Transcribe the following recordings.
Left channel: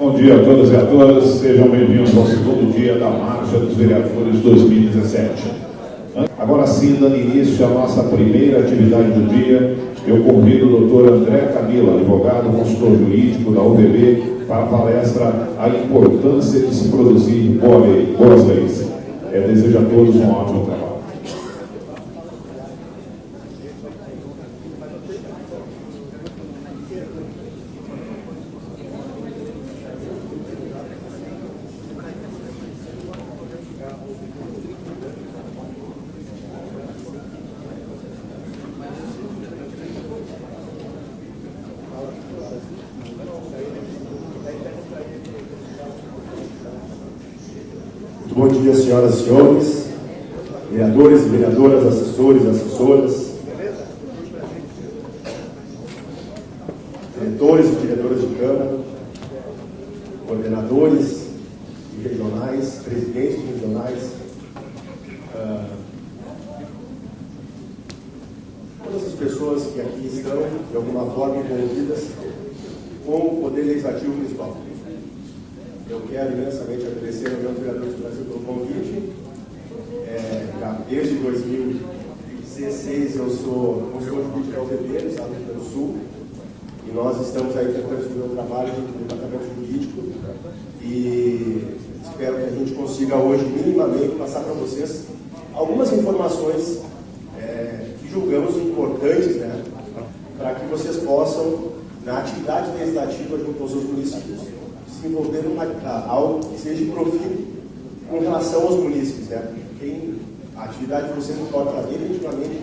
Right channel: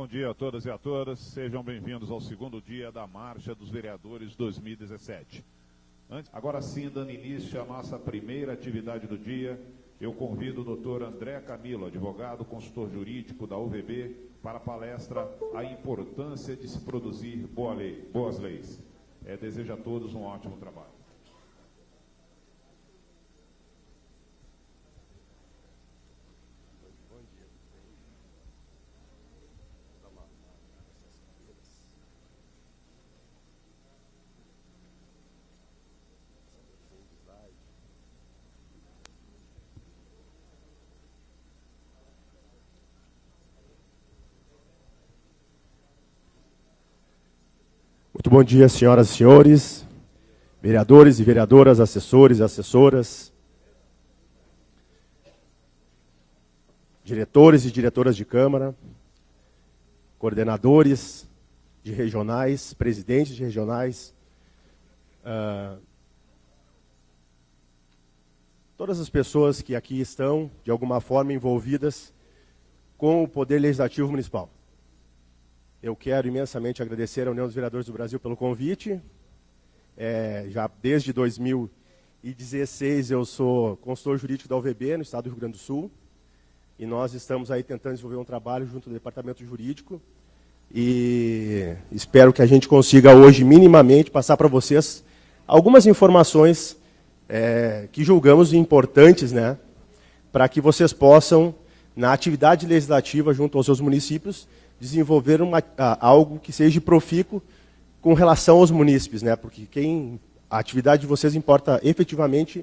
Bom dia a todos e a todas, sejam bem-vindos ao segundo dia da Marcha dos Vereadores 2017. Agora sim, dando início à nossa primeira atividade do dia, eu convido o doutor André Camilo, advogado, consultor jurídico da UVB, para a palestra A Importância de se Produzir Boas Leis. Desejo a todos um ótimo trabalho. Bom dia, senhoras e senhores, vereadores e vereadoras, assessores e assessoras, diretores e diretoras de Câmara, coordenadores de regionais, presidentes de regionais, todas as pessoas que aqui são, de alguma forma, envolvidas com o Poder Legislativo Municipal. Eu quero imensamente agradecer aos meus vereadores do Brasil pelo convite. Já desde 2016 eu sou consultor jurídico da UVB, do Estado do Rio Grande do Sul, e nós estamos aí desenvolvendo o trabalho do Departamento Jurídico e espero que a gente consiga hoje minimamente passar para vocês algumas informações que julgamos importantes, né, para que vocês possam, na atividade legislativa junto aos seus municípios, desenvolver algo que seja profícuo com relação aos munícipes, né? Porque a atividade de vocês importa efetivamente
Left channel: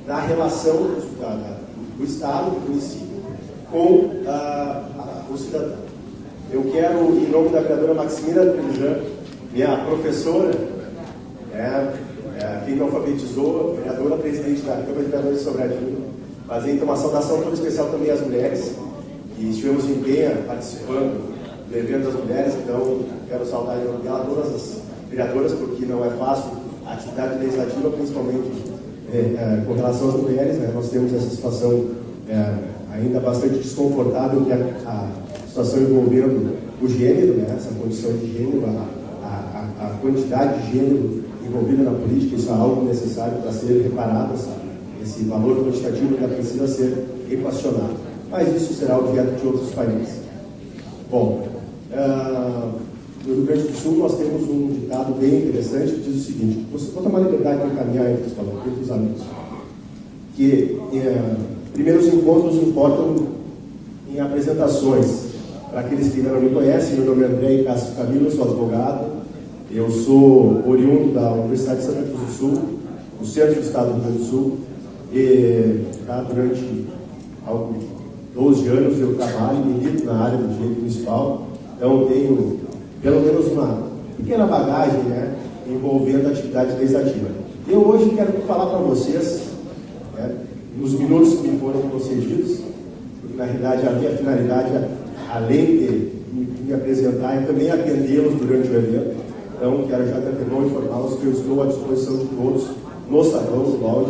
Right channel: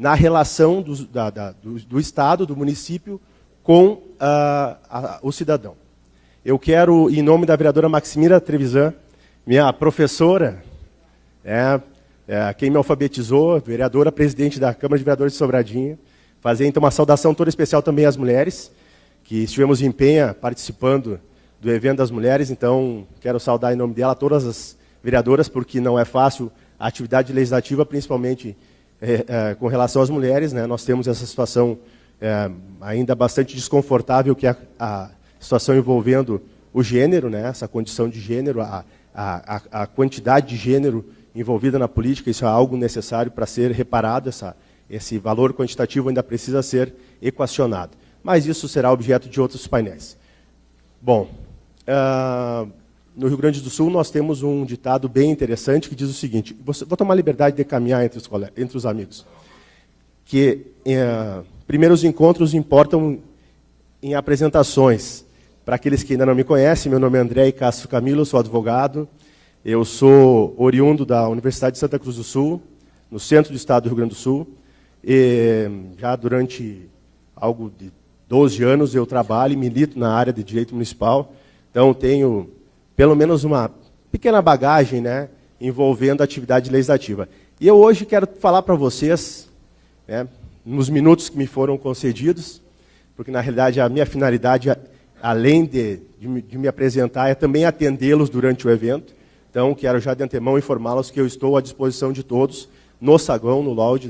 na relação do Estado, do município, com o cidadão. Eu quero, em nome da vereadora Maximira Trevisan, minha professora, quem me alfabetizou, vereadora presidente da Câmara de Vereadores de Sobradinho, fazer então uma saudação toda especial também às mulheres, que estivemos em Penha participando do evento das mulheres, então quero saudar em nome dela todas as vereadoras, porque não é fácil a atividade legislativa, principalmente com relação às mulheres, né? Nós temos essa situação ainda bastante desconfortável, que é a situação envolvendo o gênero, né? Essa condição de gênero, a quantidade de gênero envolvida na política, isso é algo necessário para ser reparado, esse valor quantitativo ainda precisa ser equacionado, mas isso será objeto de outros painéis. Bom, no Rio Grande do Sul nós temos um ditado bem interessante que diz o seguinte: você pode tomar liberdade de caminhar entre os amigos, que primeiro os encontros importam em apresentações. Para aqueles que ainda não me conhecem, meu nome é André Cássio Camilo, sou advogado, eu sou oriundo da Universidade de Santa Cruz do Sul, no centro do estado do Rio Grande do Sul, e já durante 12 anos eu trabalho e milito na área de direito municipal, então tenho pelo menos uma pequena bagagem, né, envolvendo a atividade legislativa. E eu hoje quero falar para vocês, né, nos minutos que me foram concedidos, porque na realidade a minha finalidade, além de me apresentar, é também atendê-los durante o evento. Então quero já de antemão informá-los que eu estou à disposição de todos no saguão, no balde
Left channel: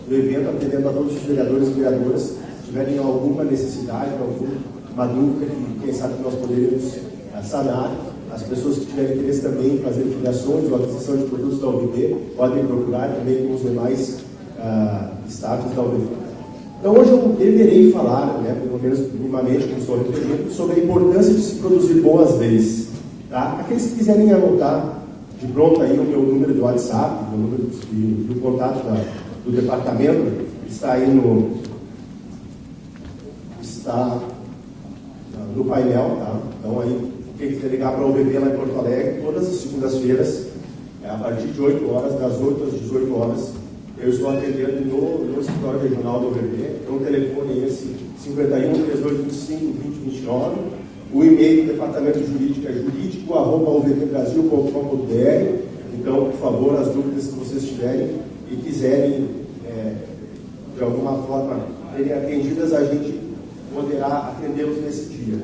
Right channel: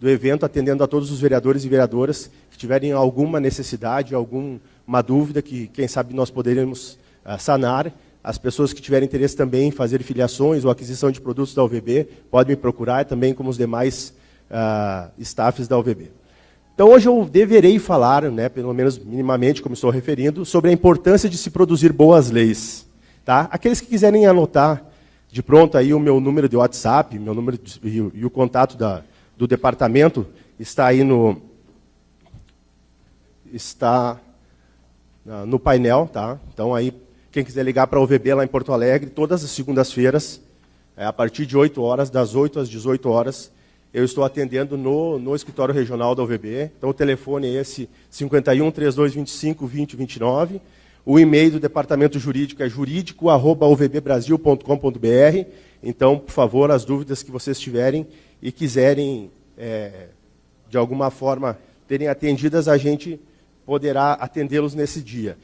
do evento, atendendo a todos os vereadores e vereadoras tiverem alguma necessidade, alguma dúvida que, quem sabe, nós poderíamos sanar. As pessoas que tiverem interesse também em fazer filiações ou aquisição de produtos da UVB, podem me procurar, também como os demais staffs da UVB. Então, hoje eu deverei falar, né, pelo menos minimamente, como estou referindo, sobre a importância de se produzir boas leis. Tá? Aqueles que quiserem anotar de pronto aí o meu número de WhatsApp, meu número e o contato do departamento, está aí no painel, tá? Então aí, quem quiser ligar para a UVB lá em Porto Alegre, todas as segundas-feiras, a partir de 8 horas, das 8 às 18 horas, eu estou atendendo no escritório regional da UVB. Então o telefone é esse, 51-3225-2029. O e-mail do departamento jurídico é jurídico@uvbbrasil.com.br. Então, por favor, as dúvidas que vocês tiverem e quiserem, de alguma forma, terem atendidas, a gente poderá atendê-los nesse dia.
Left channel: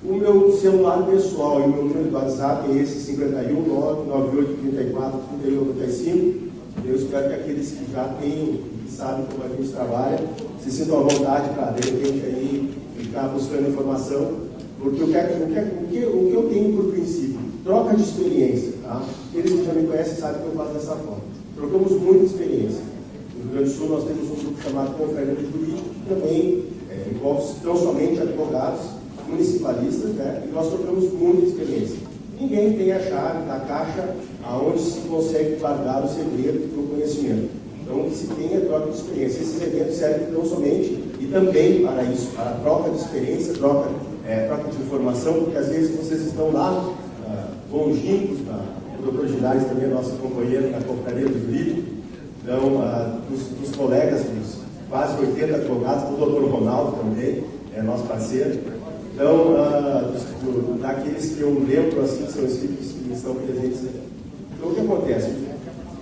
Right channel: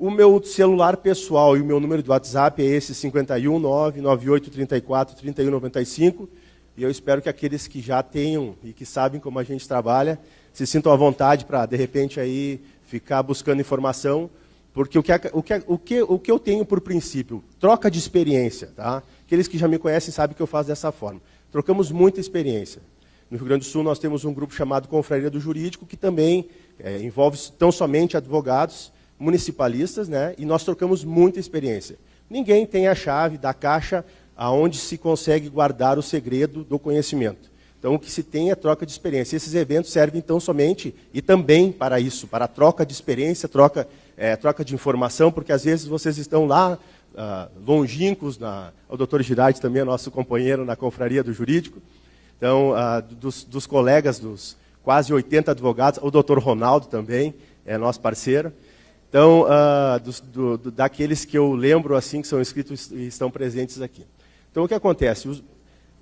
O meu celular pessoal e o meu número de WhatsApp é esse, 51998343195. E eu espero que aqueles que já tenham e que sabem como a gente trabalha se sintam à vontade para, de repente, aí ficar buscando informação Porque o que eu tenho por princípio? Troca de experiência, tá? Aqueles que já me conhecem sabem que eu faço dessa forma. Trocamos muita experiência. No Rio Grande do Sul nós temos um grupo chamado Confraria do Jurídico, que também envolve tão somente advogados, municipalistas, né? E nós trocamos muita experiência. Ninguém tem a chave da caixa aonde se consegue guardar o segredo do conhecimento. Então, o que se tem é troca de experiência. Esses eventos servem então somente e também para isso, para a troca de experiência, troca de informação, porque às vezes vocês estão lá, longínquos, o doutor Girardi também é nosso companheiro na Confraria do Jurídico, então, dos colegas, dos quase 80 advogados, o doutor Ronaldo também é nosso parceiro. Então, daqueles que eu lembro, assim, que são inscritos e estão presentes aqui. Então, o que acontece?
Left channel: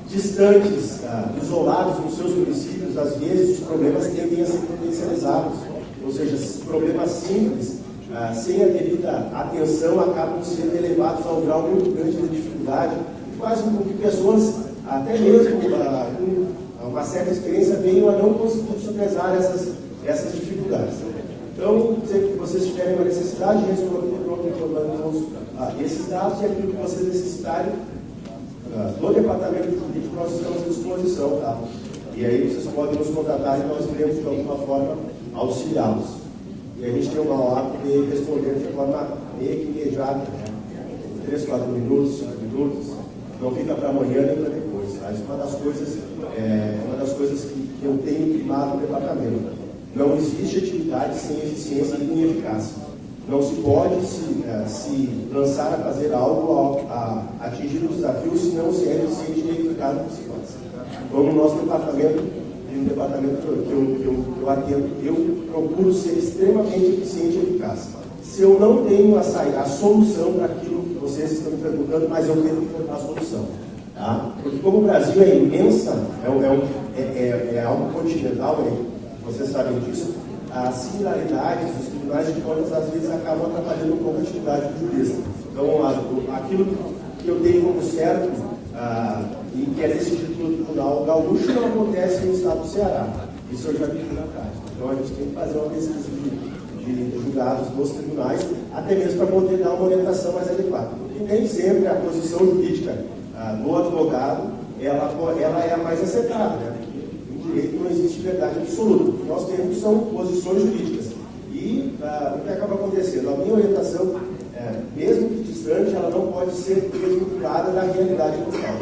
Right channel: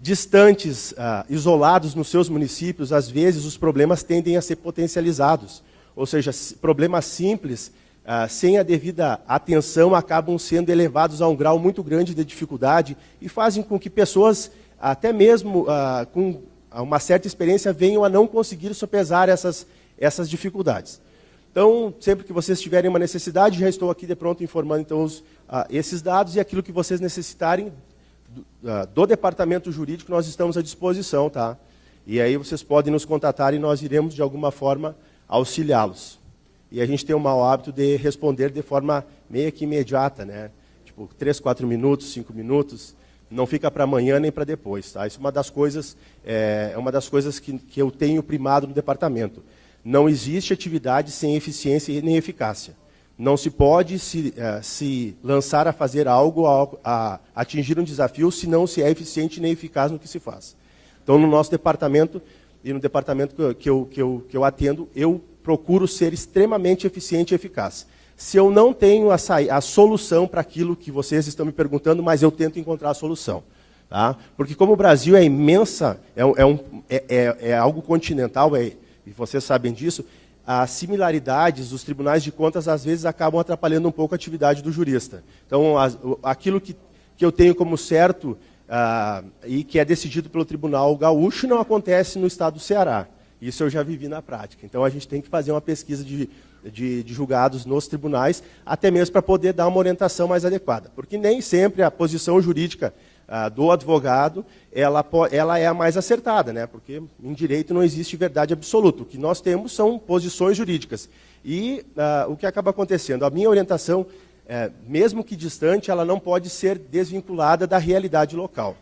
Distantes, isolados nos seus municípios, às vezes os problemas tendem a ser potencializados. Ou seja, problemas simples, sem a devida atenção, acabam sendo elevados a um grau muito grande de dificuldade e fazem com que pessoas, até mesmo com uma certa experiência, venham a não conseguir sopesar essas dificuldades. Então, sempre que vocês tiverem uma necessidade, já estou aqui de pronto informando então, esses dados e aquilo que vocês necessitarem do departamento jurídico, nós estamos à disposição, tá? E aí vocês podem nos contatar e nós iremos, de alguma forma, auxiliá-los. E a gente tem o mau hábito de responder de forma meio que imediata, né? 3, 4 minutos, 5 minutos, não fica para amanhã nem para depois, tá? Isso é uma das coisas, que eu tenho primado no departamento. Não existe atividade sem eficiência e nem eficácia. Não se pode se lançar a fazer algo, a atingir um desafio, se não se é eficiente nem eficaz no que se faz. Então, no nosso departamento e no departamento que eu atendo, eu procuro ser extremamente eficiente e eficaz. Se eu não tenho a solução para aquilo que vocês estão me perguntando, mas eu tento encontrar a solução. Tá? Porque como o Brasil é imensa, é algo continental, vocês sabem disso, as similaridades, os tribunais de contas, às vezes, acabam atrapalhando um pouco a atividade do jurista. Então, aquilo que eu tenho como certo e que é decidido pelo Tribunal Gaúcho não acontece no estado do Ceará. Isso eu já vivi na prática. Então, a gente tem que fazer uma pesquisa de julgados nos tribunais, até mesmo para poder dar uma orientação mais adequada. Porque nem sempre a posição jurídica do advogado ela é a mais acertada, né? Porque em direito não existe verdade absoluta. O que nós temos são posições jurídicas. E o que acaba acontecendo? A minha orientação, mesmo que distante, ela não pode ser desvinculada da realidade local.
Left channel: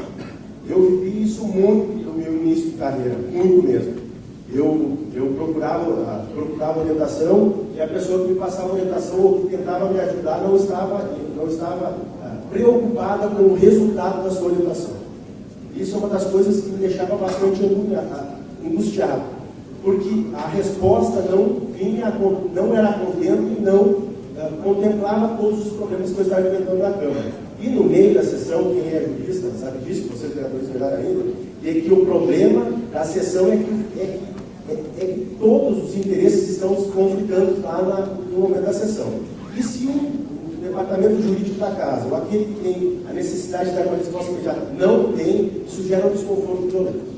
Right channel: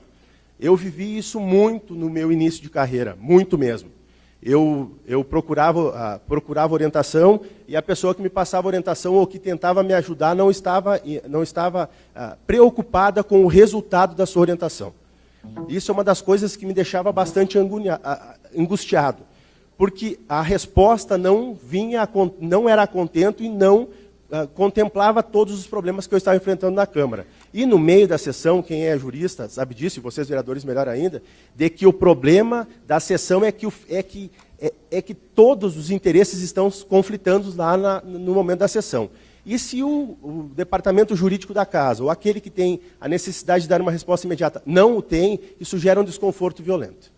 Eu vivi isso muito no meu início de carreira, muito mesmo. Eu procurava orientação e a pessoa que me passava orientação ou que tentava me ajudar não estava preocupada com o resultado da sua orientação. Isso é uma das coisas que me deixava bastante angustiado, porque a resposta não era a contento e não contemplava todos os problemas que eu estava enfrentando na Câmara. E no meio da sessão, quem é jurista sabe disso, e vocês vereadores melhor ainda, de que o problema da sessão é que todos os interesses estão conflitando lá no momento da sessão. E se o departamento jurídico da casa, ou aquele que tem a necessidade de dar uma resposta imediata, não tem, isso gera um desconforto violento.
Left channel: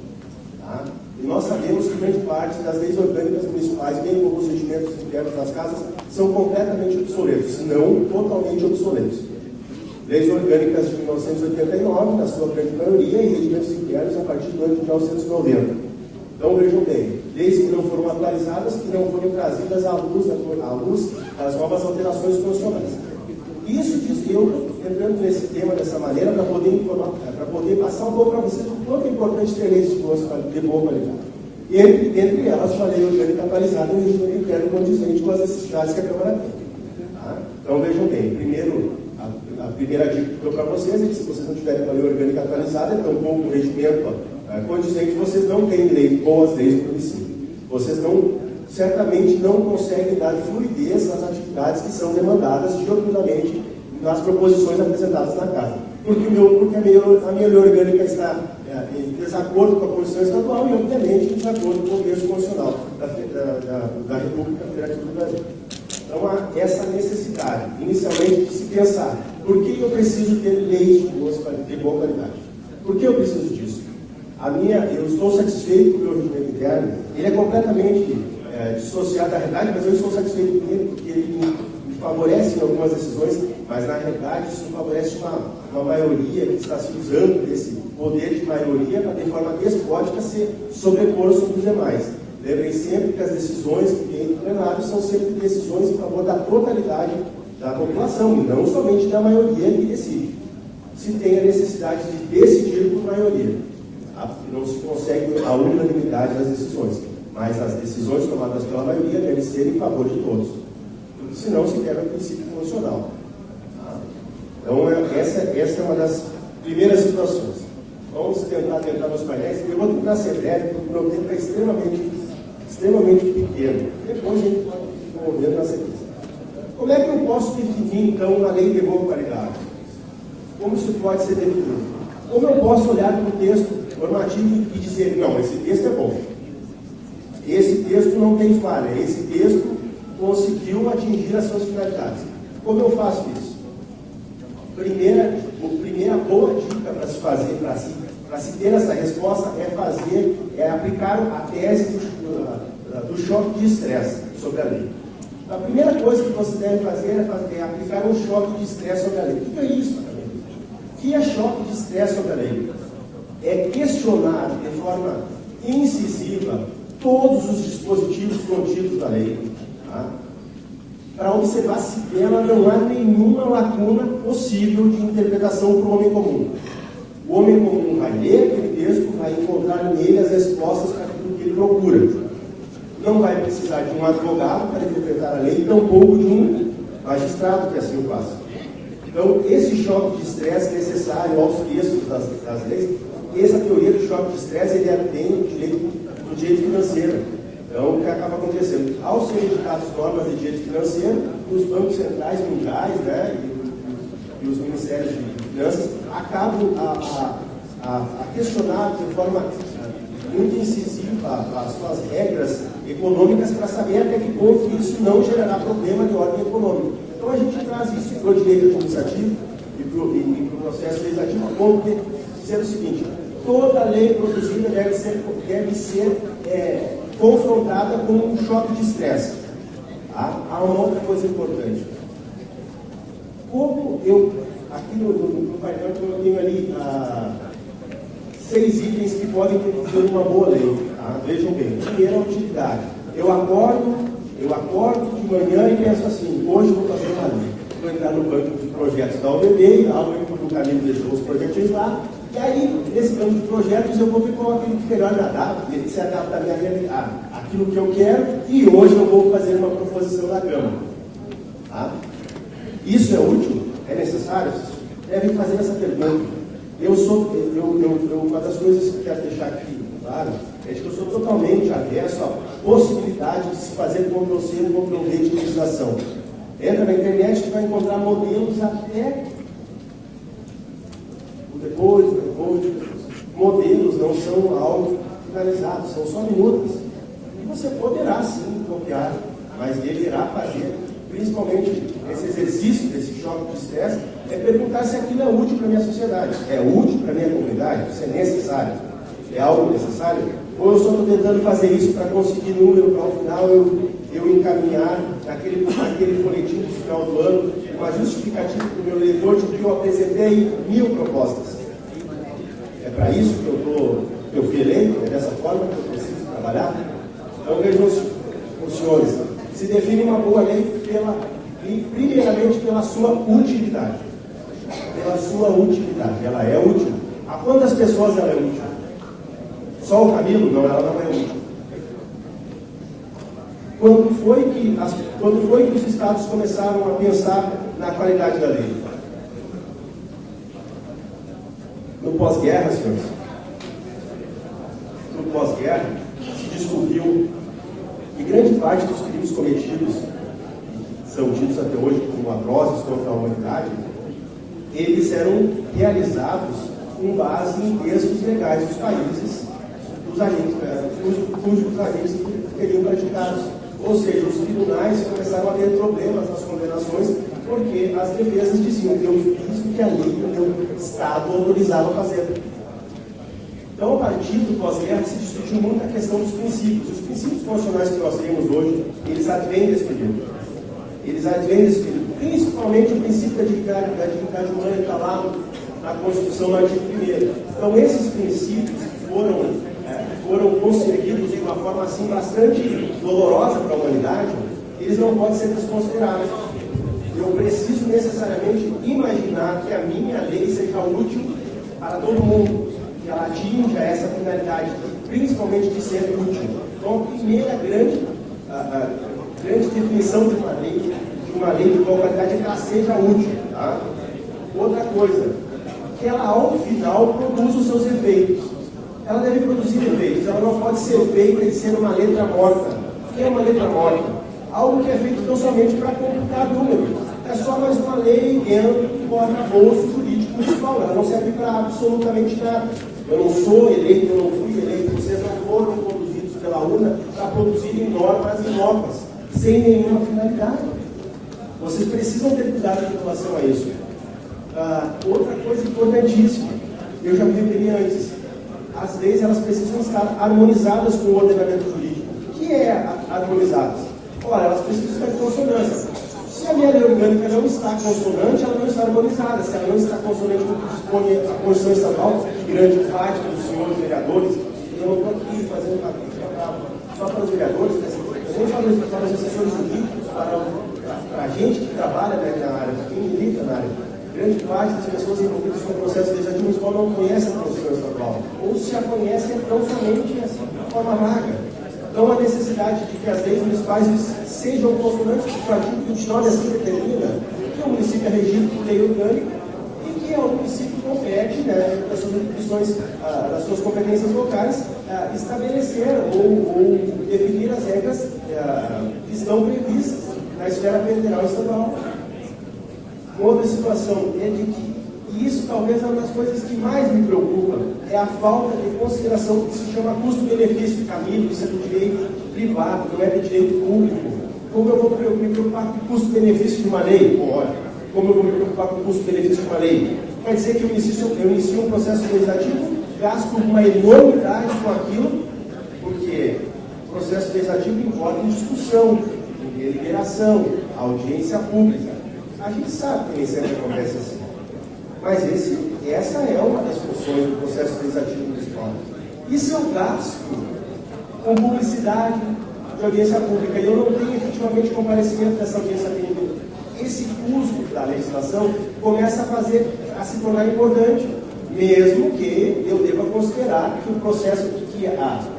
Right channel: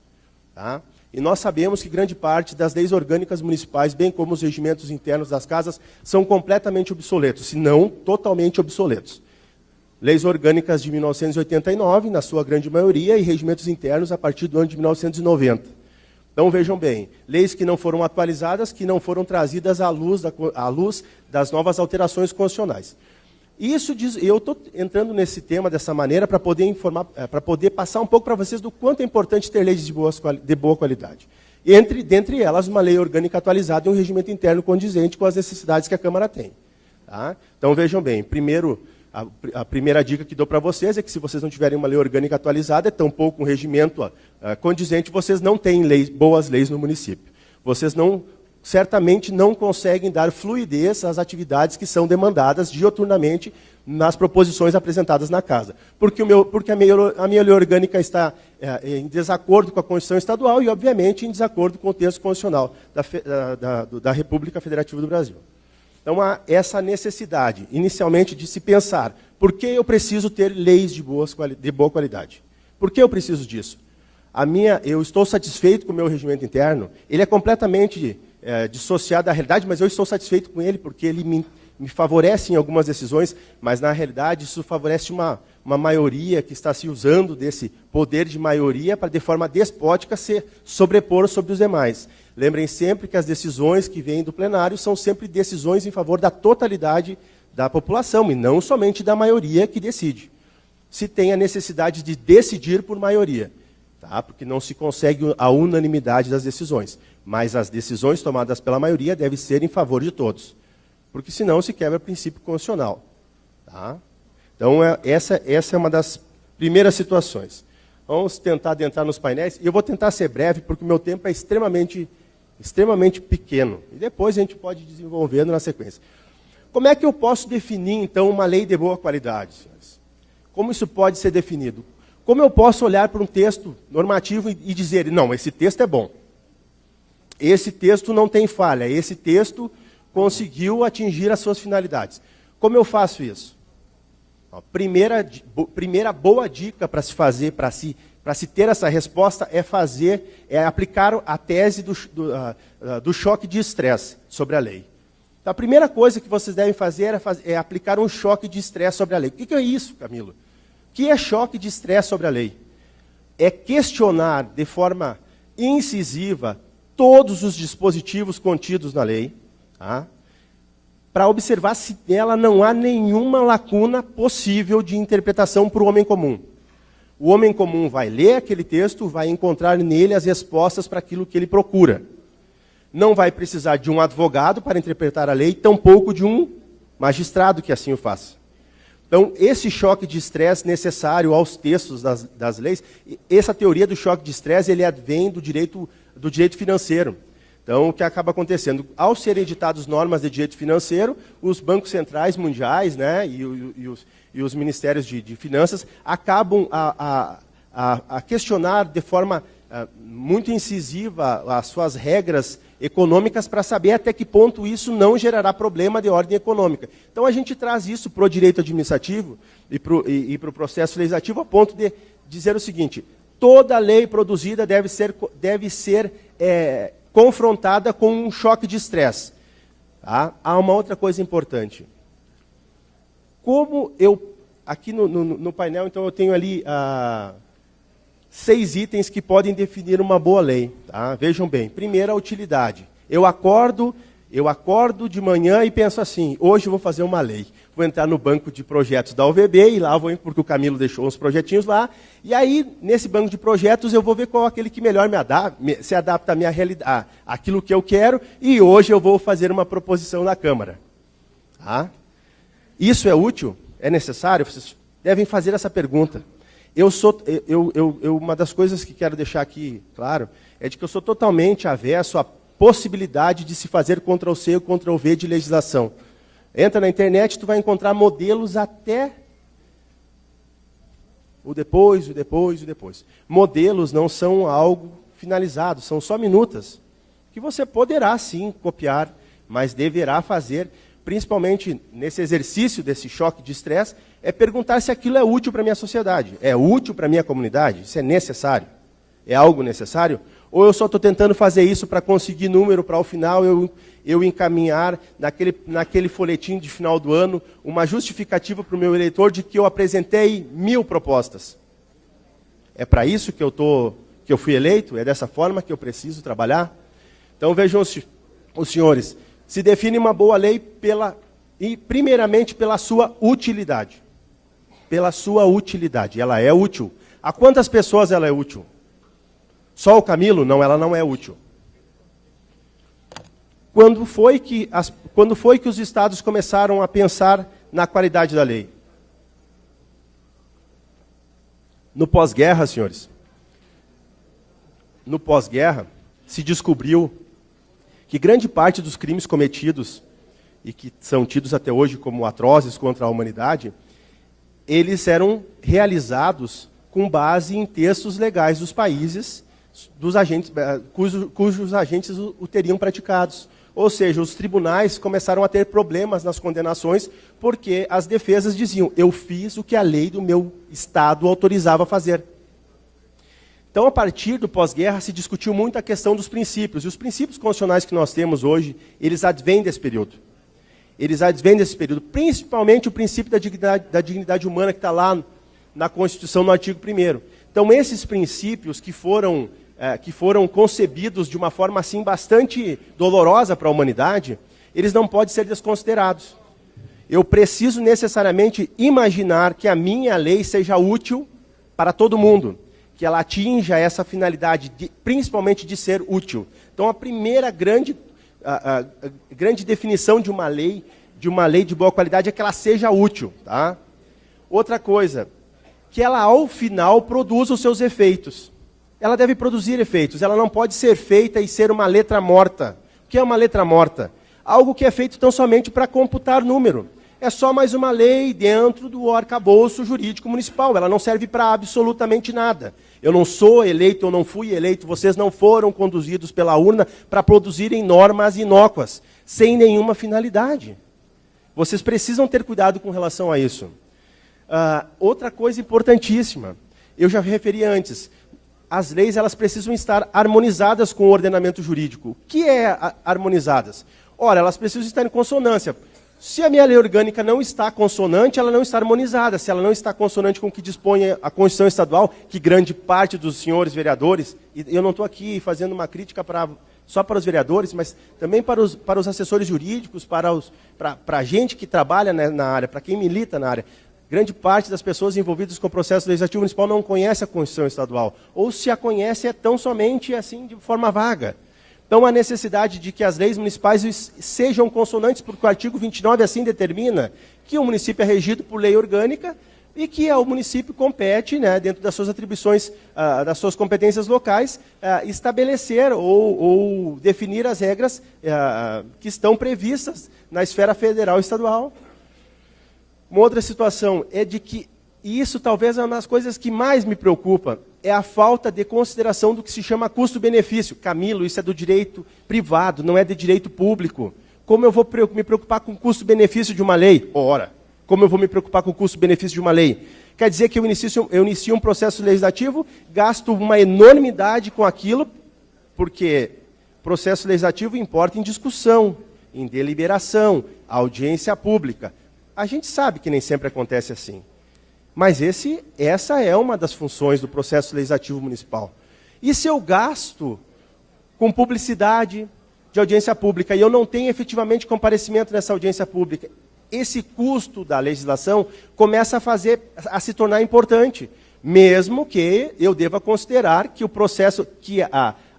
Tá? E nós sabemos que grande parte das leis orgânicas municipais, bem como os regimentos internos das casas, são completamente obsoletos, se não totalmente obsoletos. Leis orgânicas de 1989, na sua grande maioria, e regimentos internos a partir do ano de 1990. Então, vejam bem, leis que não foram atualizadas, que não foram trazidas à luz das novas alterações constitucionais. Isso diz, eu estou entrando nesse tema dessa maneira para poder informar, para poder passar um pouco para vocês do quanto é importante ter leis de boa qualidade. Dentre elas, uma lei orgânica atualizada e um regimento interno condizente com as necessidades que a Câmara tem. Tá? Então, vejam bem, a primeira dica que dou para vocês é que se vocês não tiverem uma lei orgânica atualizada, é tampouco um regimento condizente, vocês não têm boas leis no município. Vocês certamente não conseguem dar fluidez às atividades que são demandadas dioturnamente nas proposições apresentadas na casa. Porque a minha lei orgânica está em desacordo com a Constituição Estadual e, obviamente, em desacordo com o texto constitucional da República Federativa do Brasil. Então, há essa necessidade, inicialmente, de se pensar: por que eu preciso ter leis de boa qualidade? Por que eu preciso disso? Eu estou satisfeito com o meu regimento interno, ele é completamente dissociado da realidade, mas eu estou satisfeito com ele porque ele me favorecem algumas decisões, mas na realidade isso favorece uma maioria que está se usando desse poder de maioria para, de forma despótica, se sobrepor sobre os demais. Lembrem sempre que as decisões que vêm do plenário são sempre decisões em favor da totalidade da população e não somente da maioria que decide. Se tem a necessidade de decidir por maioria, tá? Porque não se consegue a unanimidade das decisões, mas as decisões tomadas pela maioria devem ser em favor de todos, porque senão se quebra o princípio constitucional. Tá? Então, essa é uma das primeiras situações. Vamos tentar adentrar nos painéis. Eu vou tentar ser breve, porque o meu tempo é extremamente pequeno. Depois a gente pode ir desenvolvendo na sequência. Como é que eu posso definir, então, uma lei de boa qualidade? Como isso pode ser definido? Como eu posso olhar para um texto normativo e dizer, não, esse texto é bom, esse texto não tem falha, esse texto conseguiu atingir as suas finalidades. Como eu faço isso? Primeira boa dica para se fazer, para se ter essa resposta, é aplicar a tese do choque de estresse sobre a lei. Então, a primeira coisa que você deve fazer é aplicar um choque de estresse sobre a lei. O que é isso, amigo? O que é choque de estresse sobre a lei? É questionar de forma incisiva todos os dispositivos contidos na lei, tá? Para observar se nela não há nenhuma lacuna possível de interpretação para o homem comum. O homem comum vai ler aquele texto, vai encontrar nele as respostas para aquilo que ele procura. Não vai precisar de um advogado para interpretar a lei, tampouco de um magistrado que assim o faça. Então, esse choque de estresse necessário aos textos das leis, essa teoria do choque de estresse, ele vem do direito financeiro. Então, o que acaba acontecendo? Ao serem editadas normas de direito financeiro, os bancos centrais mundiais, né, e os ministérios de finanças acabam a questionar de forma muito incisiva as suas regras econômicas para saber até que ponto isso não gerará problema de ordem econômica. Então, a gente traz isso para o direito administrativo e para o processo legislativo a ponto de dizer o seguinte: toda lei produzida deve ser confrontada com um choque de estresse. Tá? Há uma outra coisa importante. Como aqui no painel, então, eu tenho ali 6 itens que podem definir uma boa lei. Tá? Vejam bem. Primeiro, a utilidade. Eu acordo de manhã e penso assim: hoje eu vou fazer uma lei. Vou entrar no banco de projetos da UVB e lá porque o Camilo deixou uns projetinhos lá. E aí, nesse banco de projetos, eu vou ver qual é aquele que melhor se adapta à minha realidade, àquilo que eu quero, e hoje eu vou fazer uma proposição na Câmara. Tá? Isso é útil? É necessário? Vocês devem fazer essa pergunta. Uma das coisas que quero deixar aqui claro é de que eu sou totalmente avesso à possibilidade de se fazer Ctrl+C ou Ctrl+V de legislação. Entra na internet, tu vai encontrar modelos até o depois. Modelos não são algo finalizado, são só minutas. E você poderá sim copiar, mas deverá fazer, principalmente nesse exercício desse choque de estresse, é perguntar se aquilo é útil para a minha sociedade. É útil para a minha comunidade? Isso é necessário? É algo necessário? Ou eu só estou tentando fazer isso para conseguir número para ao final eu encaminhar naquele folhetim de final do ano uma justificativa para o meu eleitor de que eu apresentei 1000 propostas? É para isso que eu fui eleito? É dessa forma que eu preciso trabalhar? Então vejam os senhores, se define uma boa lei primeiramente pela sua utilidade. Pela sua utilidade. Ela é útil. A quantas pessoas ela é útil? Só o Camilo? Não, ela não é útil. Quando foi que os estados começaram a pensar na qualidade da lei? No pós-guerra, senhores. No pós-guerra, se descobriu que grande parte dos crimes cometidos, e que são tidos até hoje como atrozes contra a humanidade, eles eram realizados com base em textos legais dos países, dos agentes, cujos agentes o teriam praticados. Ou seja, os tribunais começaram a ter problemas nas condenações, porque as defesas diziam: eu fiz o que a lei do meu estado autorizava a fazer. Então, a partir do pós-guerra, se discutiu muito a questão dos princípios. E os princípios constitucionais que nós temos hoje, eles advêm desse período. eles advêm desse período, principalmente o princípio da dignidade humana que está lá na Constituição, no artigo 1º. Então, esses princípios que foram concebidos de uma forma assim bastante dolorosa para a humanidade, eles não podem ser desconsiderados. Eu preciso necessariamente imaginar que a minha lei seja útil para todo mundo, que ela atinja essa finalidade, principalmente de ser útil. Então, a primeira grande definição de uma lei de boa qualidade é que ela seja útil. Tá? Outra coisa, que ela ao final produza os seus efeitos. Ela deve produzir efeitos, ela não pode ser feita e ser uma letra morta. O que é uma letra morta? Algo que é feito não somente para computar número. É só mais uma lei dentro do arcabouço jurídico municipal. Ela não serve para absolutamente nada. Eu não sou eleito, eu não fui eleito, vocês não foram conduzidos pela urna para produzirem normas inócuas, sem nenhuma finalidade. Vocês precisam ter cuidado com relação a isso. Outra coisa importantíssima, eu já me referi antes, as leis elas precisam estar harmonizadas com o ordenamento jurídico. O que é harmonizadas? Ora, elas precisam estar em consonância. Se a minha lei orgânica não está consonante, ela não está harmonizada. Se ela não está consonante com o que dispõe a Constituição Estadual, que grande parte dos senhores vereadores, e eu não estou aqui fazendo uma crítica só para os vereadores, mas também para os assessores jurídicos, para a gente que trabalha na área, para quem milita na área. Grande parte das pessoas envolvidas com o processo legislativo municipal não conhece a Constituição Estadual. Ou se a conhece, é tão somente assim, de forma vaga. Então, a necessidade de que as leis municipais sejam consonantes, porque o artigo 29 assim determina que o município é regido por lei orgânica e que ao município compete, dentro das suas atribuições, das suas competências locais, estabelecer ou definir as regras que estão previstas na esfera federal e estadual. Uma outra situação é de que, e isso talvez é uma das coisas que mais me preocupa, é a falta de consideração do que se chama custo-benefício. Camilo, isso é do direito privado, não é de direito público. Como eu vou me preocupar com o custo-benefício de uma lei? Ora, como eu vou me preocupar com o custo-benefício de uma lei? Quer dizer que eu inicio um processo legislativo, gasto uma enormidade com aquilo, porque o processo legislativo importa em discussão, em deliberação, audiência pública. A gente sabe que nem sempre acontece assim. Mas essa é uma das funções do processo legislativo municipal. E se eu gasto com publicidade de audiência pública e eu não tenho efetivamente comparecimento dessa audiência pública, esse custo da legislação começa a se tornar importante, mesmo que eu deva considerar que o processo, que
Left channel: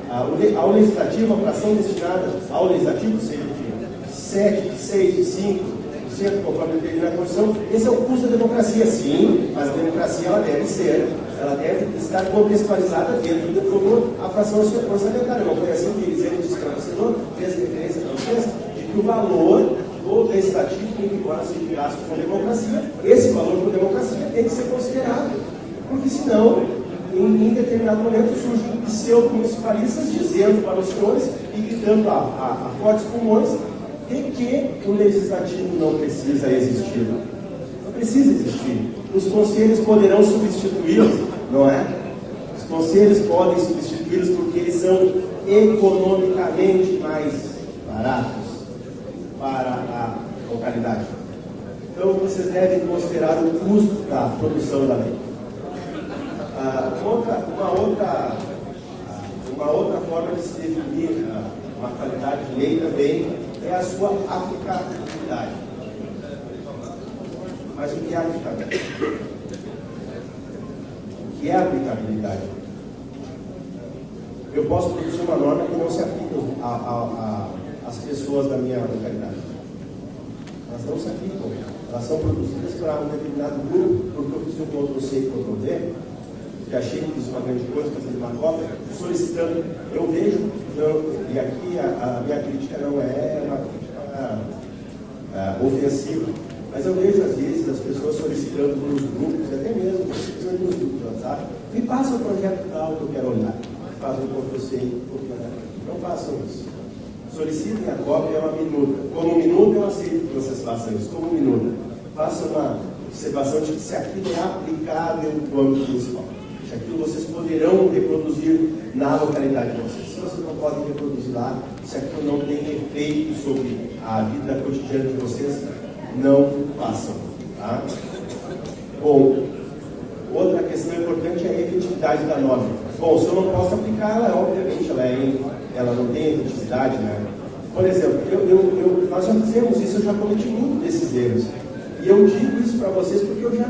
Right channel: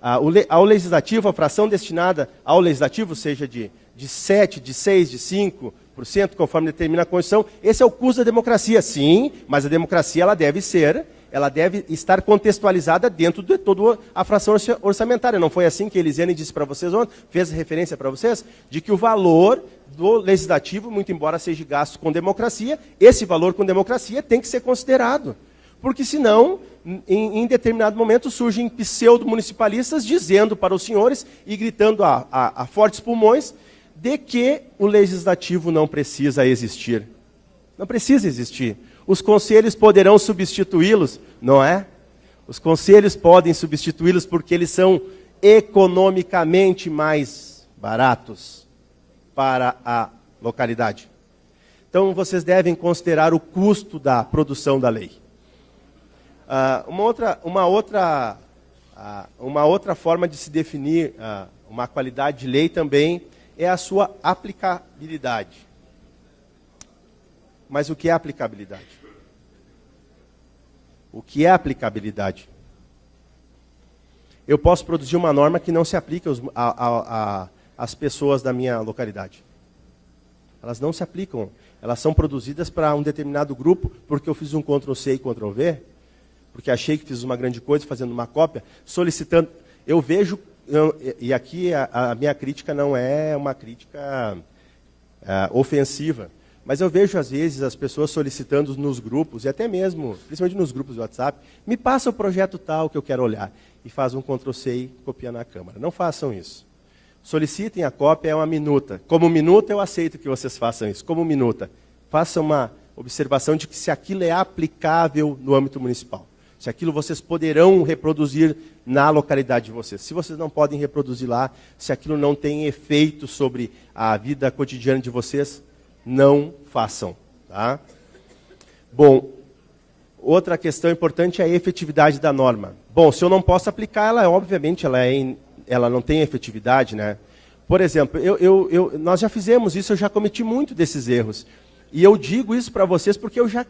ao legislativo, a fração destinada ao legislativo seja de 7, de 6, de 5%, conforme determina a Constituição, esse é o custo da democracia, sim, mas a democracia ela deve estar contextualizada dentro de toda a fração orçamentária. Não foi assim que Elisiane disse para vocês ontem, fez referência para vocês, de que o valor do legislativo, muito embora seja gasto com democracia, esse valor com democracia tem que ser considerado, porque senão, em determinado momento, surgem pseudo-municipalistas dizendo para os senhores e gritando a fortes pulmões de que o legislativo não precisa existir. Não precisa existir. Os conselhos poderão substituí-los, não é? Os conselhos podem substituí-los porque eles são economicamente mais baratos para a localidade. Então, vocês devem considerar o custo da produção da lei. Uma outra forma de se definir uma qualidade de lei também é a sua aplicabilidade. Mas o que é aplicabilidade? O que é aplicabilidade? Eu posso produzir uma norma que não se aplique às pessoas da minha localidade. Elas não se aplicam. Elas são produzidas para um determinado grupo, porque eu fiz um Ctrl+C e Ctrl+V, porque achei que fiz uma grande coisa, fazendo uma cópia, solicitando. Eu vejo, e aqui a minha crítica não é uma crítica ofensiva, mas eu vejo às vezes as pessoas solicitando nos grupos, e até mesmo, principalmente nos grupos do WhatsApp, me passa o projeto tal que eu quero olhar, e faz um Ctrl+C e copia na câmera. Não façam isso. Solicitem a cópia, é uma minuta. Como minuta, eu aceito que vocês façam isso. Como minuta, façam uma observação de se aquilo é aplicável do âmbito municipal. se aquilo vocês poderão reproduzir na localidade de vocês. Se vocês não podem reproduzir lá, se aquilo não tem efeito sobre a vida cotidiana de vocês, não façam. Tá? Bom, outra questão importante é a efetividade da norma. Bom, se eu não posso aplicar, ela obviamente ela não tem efetividade, né? Por exemplo, nós já fizemos isso, eu já cometi muito desses erros. E eu digo isso para vocês porque eu já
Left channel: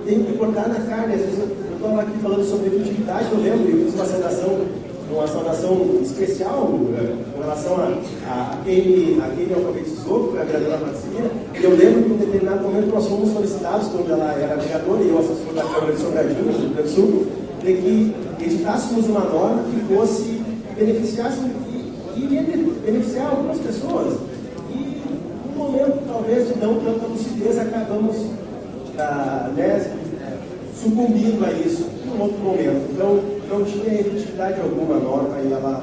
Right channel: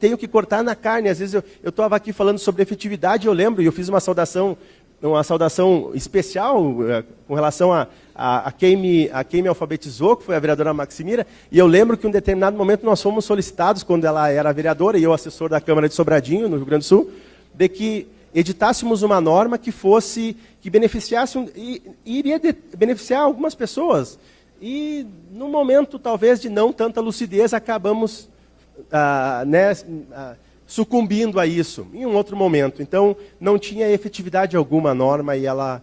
tenho que cortar na carne. Às vezes eu estava aqui falando sobre efetividade, eu lembro, e eu fiz uma saudação especial com relação a quem me alfabetizou, que foi a vereadora Maximira, e eu lembro que em um determinado momento nós fomos solicitados, quando ela era vereadora e eu assessor da Câmara de Sobradinho, no Rio Grande do Sul, de que editássemos uma norma que beneficiasse e iria beneficiar algumas pessoas. E no momento, talvez, de não tanta lucidez, acabamos sucumbindo a isso em um outro momento. Então, não tinha efetividade alguma a norma e ela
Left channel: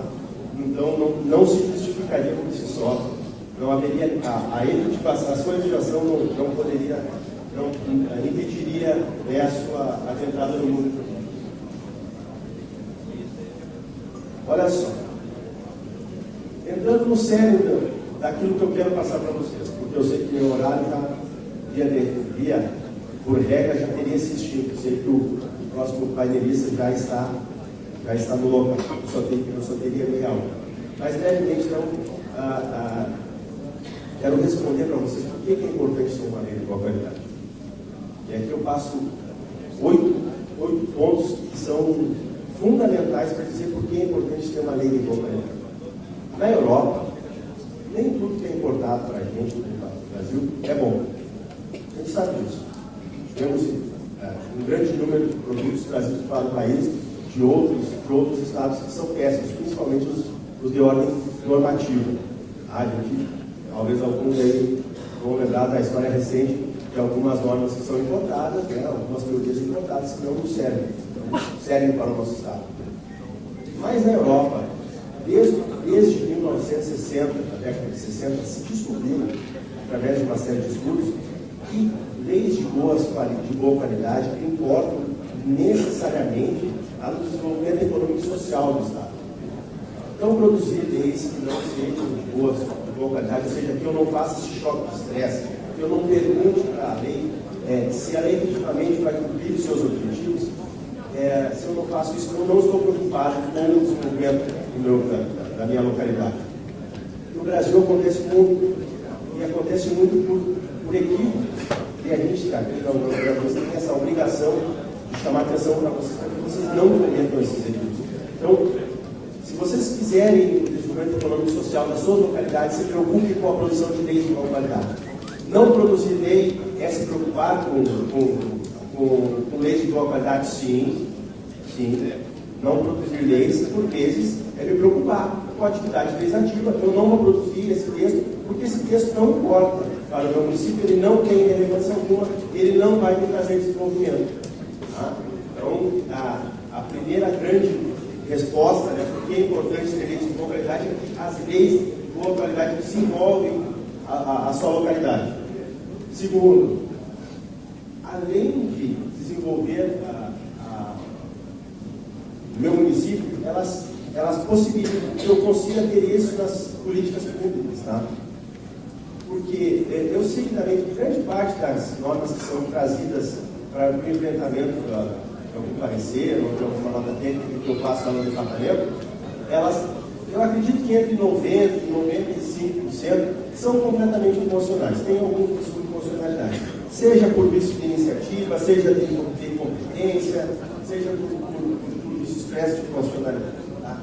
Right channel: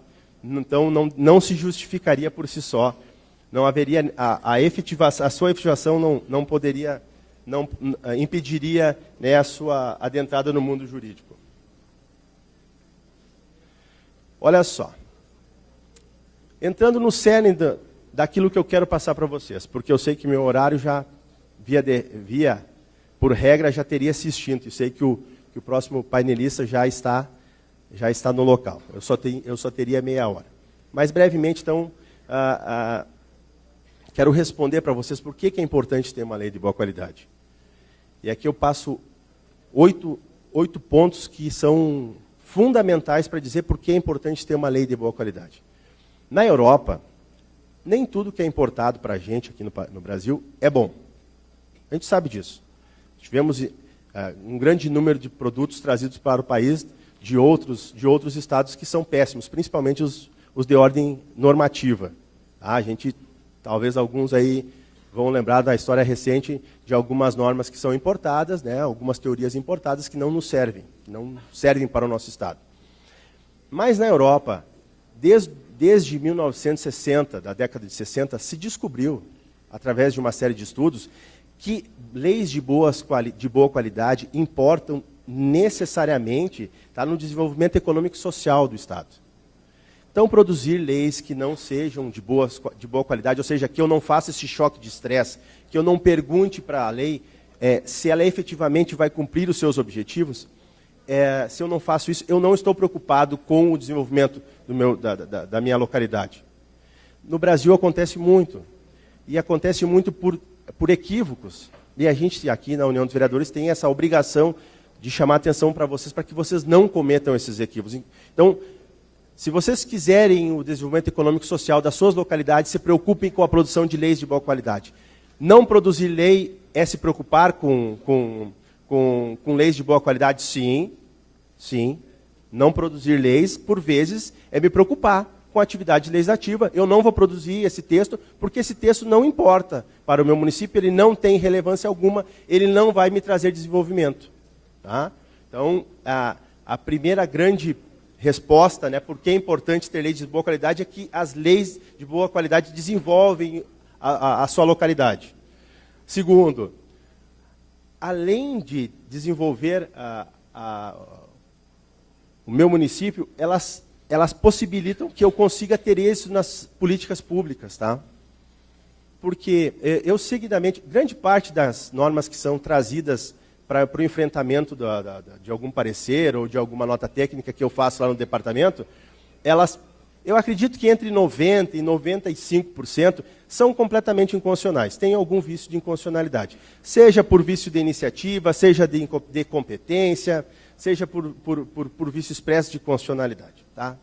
não se justificaria por si só. Não haveria a sua efetivação não poderia, não impediria, né, a sua adentrada no mundo jurídico. Olha só, entrando no cerne daquilo que eu quero passar para vocês, porque eu sei que meu horário já, por regra, já teria se extinto. Eu sei que o próximo painelista já está no local. Eu só teria meia hora. Mas, brevemente, então, quero responder para vocês por que é importante ter uma lei de boa qualidade. E aqui eu passo 8 pontos que são fundamentais para dizer por que é importante ter uma lei de boa qualidade. Na Europa, nem tudo que é importado para a gente aqui no Brasil é bom. A gente sabe disso. Tivemos um grande número de produtos trazidos para o país de outros estados que são péssimos, principalmente os de ordem normativa. Talvez alguns aí vão lembrar da história recente de algumas normas que são importadas, né, algumas teorias importadas que não servem para o nosso estado. Mas na Europa, desde 1960, da década de 60, se descobriu, através de uma série de estudos, que leis de boa qualidade importam necessariamente no desenvolvimento econômico e social do Estado. Então, produzir leis que não sejam de boa qualidade, ou seja, que eu não faça esse choque de estresse, que eu não pergunte para a lei se ela efetivamente vai cumprir os seus objetivos, se eu não faço isso, eu não estou preocupado com o desenvolvimento da minha localidade. No Brasil acontece muito, e acontece muito por equívocos, e a gente aqui na União dos Vereadores tem essa obrigação de chamar a atenção para que vocês não cometam esses equívocos. Então, se vocês quiserem o desenvolvimento econômico e social das suas localidades, se preocupem com a produção de leis de boa qualidade. Não produzir lei é se preocupar com leis de boa qualidade, sim. Não produzir leis, por vezes, é me preocupar com a atividade legislativa. Eu não vou produzir esse texto, porque esse texto não importa para o meu município, ele não tem relevância alguma, ele não vai me trazer desenvolvimento. Tá? Então, a primeira grande resposta, né, por que é importante ter leis de boa qualidade, é que as leis de boa qualidade desenvolvem a sua localidade. Segundo, além de desenvolver o meu município, elas possibilitam que eu consiga ter êxito nas políticas públicas, tá? Porque eu seguidamente, grande parte das normas que são trazidas para o enfrentamento de algum parecer ou de alguma nota técnica que eu faço lá no departamento, eu acredito que entre 90% e 95% são completamente inconstitucionais. Tem algum vício de inconstitucionalidade. Seja por vício de iniciativa, seja de competência, seja por vício expresso de constitucionalidade. Tá?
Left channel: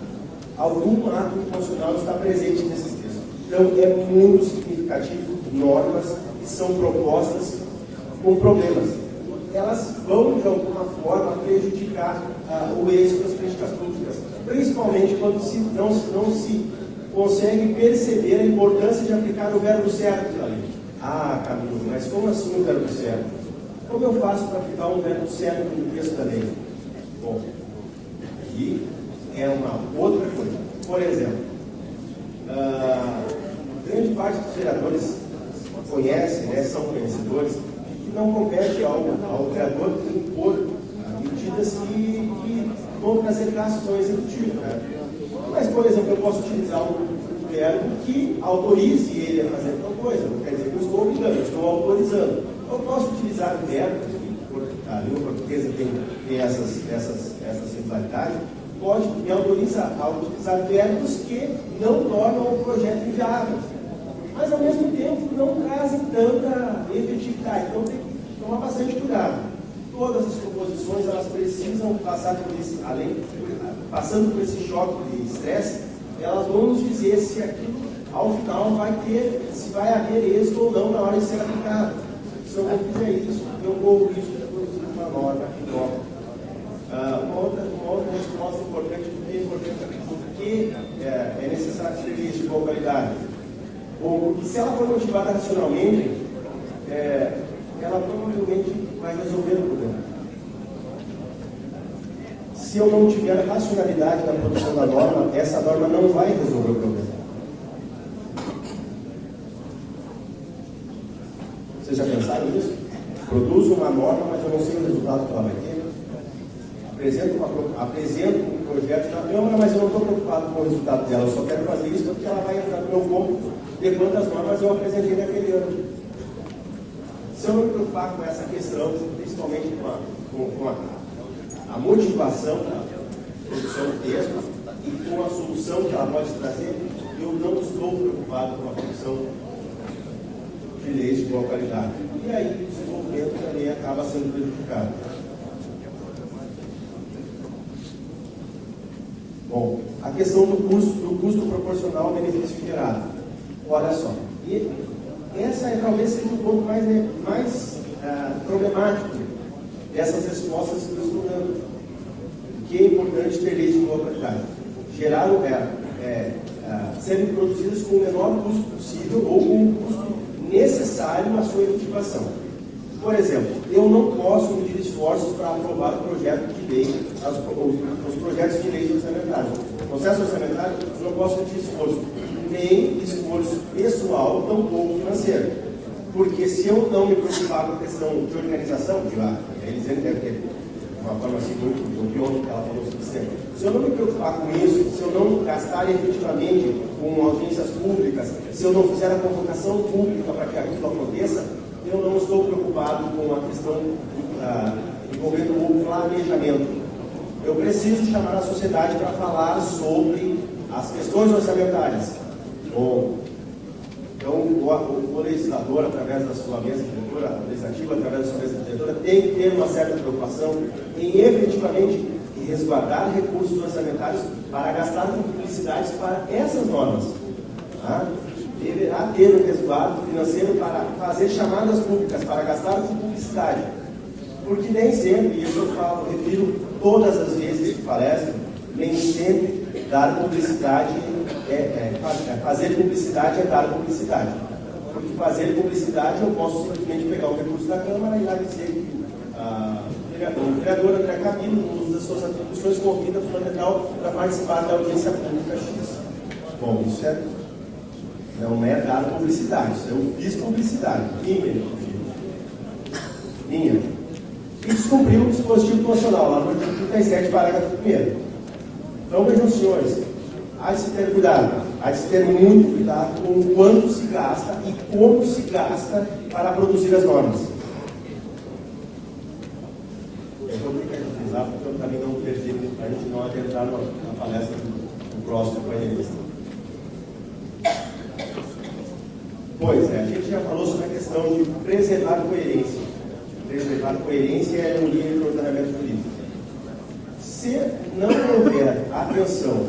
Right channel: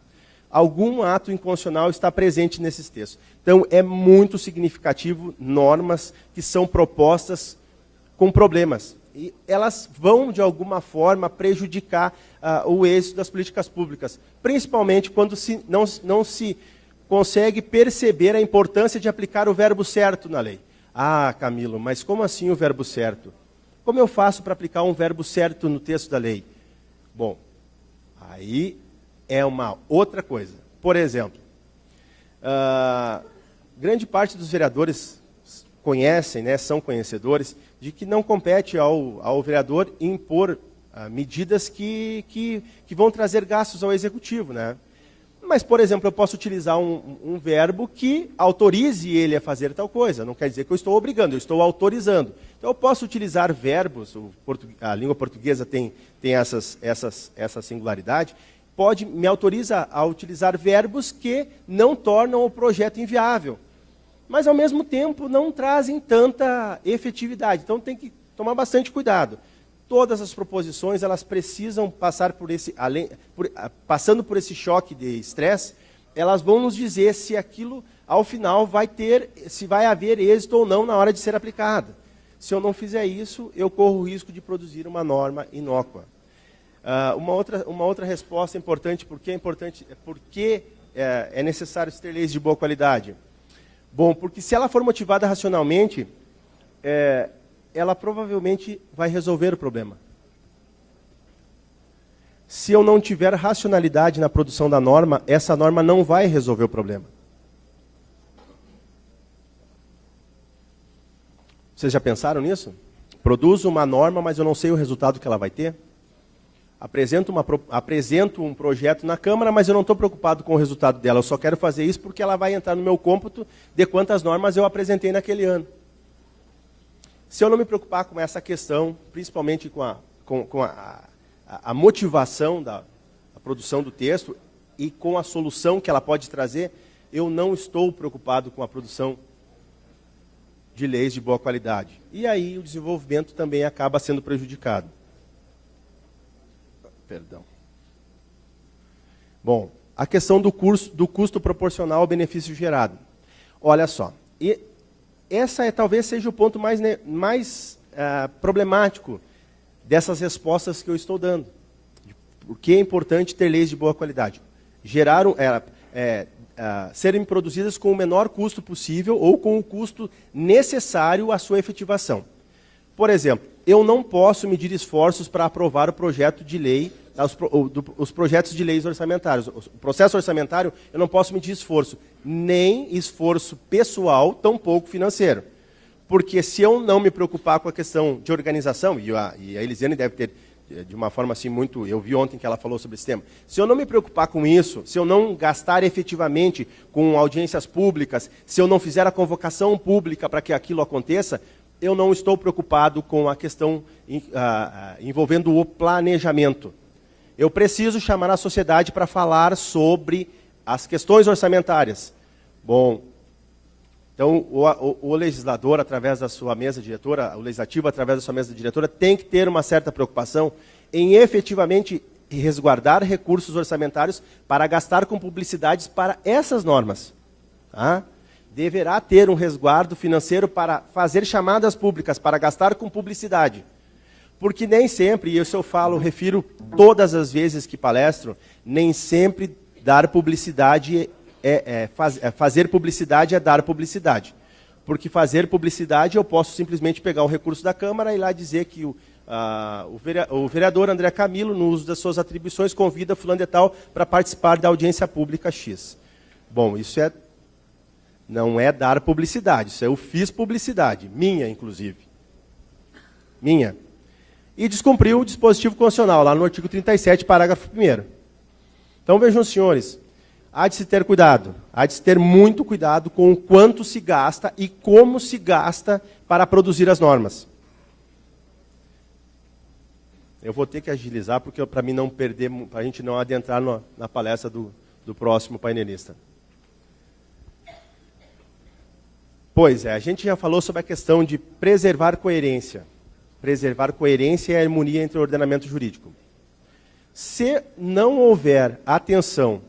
Algum ato inconstitucional está presente nesses textos. Então, é muito significativo normas que são propostas com problemas. Elas vão, de alguma forma, prejudicar o êxito das políticas públicas, principalmente quando não se consegue perceber a importância de aplicar o verbo certo na lei. Ah, Camilo, mas como assim o verbo certo? Como eu faço para aplicar um verbo certo no texto da lei? Bom, aí é uma outra coisa. Por exemplo, grande parte dos vereadores conhecem, né, são conhecedores de que não compete ao vereador impor medidas que vão trazer gastos ao executivo, né? Mas, por exemplo, eu posso utilizar um verbo que autorize ele a fazer tal coisa. Não quer dizer que eu estou obrigando, eu estou autorizando. Eu posso utilizar verbos, a língua portuguesa tem essa singularidade, me autoriza a utilizar verbos que não tornam o projeto inviável, mas ao mesmo tempo não trazem tanta efetividade. Então tem que tomar bastante cuidado. Todas as proposições, elas precisam passar passando por esse choque de estresse, elas vão nos dizer se aquilo, ao final, se vai haver êxito ou não na hora de ser aplicado. Se eu não fizer isso, eu corro o risco de produzir uma norma inócua. Uma outra resposta importante, porque é necessário ser leis de boa qualidade. Bom, porque se ela for motivada racionalmente, ela provavelmente vai resolver o problema. Se eu não tiver racionalidade na produção da norma, essa norma não vai resolver o problema. Vocês já pensaram nisso? Produzo uma norma, mas eu não sei o resultado que ela vai ter. Apresento um projeto na Câmara, mas eu não estou preocupado com o resultado dela. Eu só quero fazer isso porque ela vai entrar no meu cômputo de quantas normas eu apresentei naquele ano. Se eu não me preocupar com essa questão, principalmente com a motivação da produção do texto e com a solução que ela pode trazer, eu não estou preocupado com a produção de leis de boa qualidade. E aí o desenvolvimento também acaba sendo prejudicado. Bom, a questão do custo proporcional ao benefício gerado. Olha só, e essa talvez seja o ponto mais problemático dessas respostas que eu estou dando. O que é importante ter leis de boa qualidade? Serem produzidas com o menor custo possível ou com o custo necessário à sua efetivação. Por exemplo, eu não posso medir esforços para aprovar o projeto de lei, os projetos de leis orçamentários. O processo orçamentário, eu não posso medir esforço, nem esforço pessoal, tampouco financeiro. Porque se eu não me preocupar com a questão de organização, e a Elisiane deve ter, de uma forma assim muito, eu vi ontem que ela falou sobre esse tema, se eu não me preocupar com isso, se eu não gastar efetivamente com audiências públicas, se eu não fizer a convocação pública para que aquilo aconteça, eu não estou preocupado com a questão envolvendo o planejamento. Eu preciso chamar a sociedade para falar sobre as questões orçamentárias. Bom, então o legislador, através da sua mesa diretora, o legislativo, através da sua mesa diretora, tem que ter uma certa preocupação em efetivamente resguardar recursos orçamentários para gastar com publicidades para essas normas. Deverá ter um resguardo financeiro para fazer chamadas públicas, para gastar com publicidade. Porque nem sempre, e isso eu refiro todas as vezes que palestro, nem sempre dar publicidade fazer publicidade é dar publicidade. Porque fazer publicidade eu posso simplesmente pegar o recurso da Câmara e lá dizer que o vereador André Camilo, no uso das suas atribuições, convida fulano de tal para participar da audiência pública X. Bom, isso não é dar publicidade, isso eu fiz publicidade, minha inclusive. Minha. E descumpriu o dispositivo constitucional, lá no artigo 37, parágrafo 1º. Então vejam, senhores, há de se ter cuidado, há de se ter muito cuidado com o quanto se gasta e como se gasta para produzir as normas. Eu vou ter que agilizar, porque para mim não perder, para a gente não adentrar na palestra do próximo painelista. Pois é, a gente já falou sobre a questão de preservar coerência. Preservar coerência e a harmonia entre o ordenamento jurídico. Se não houver atenção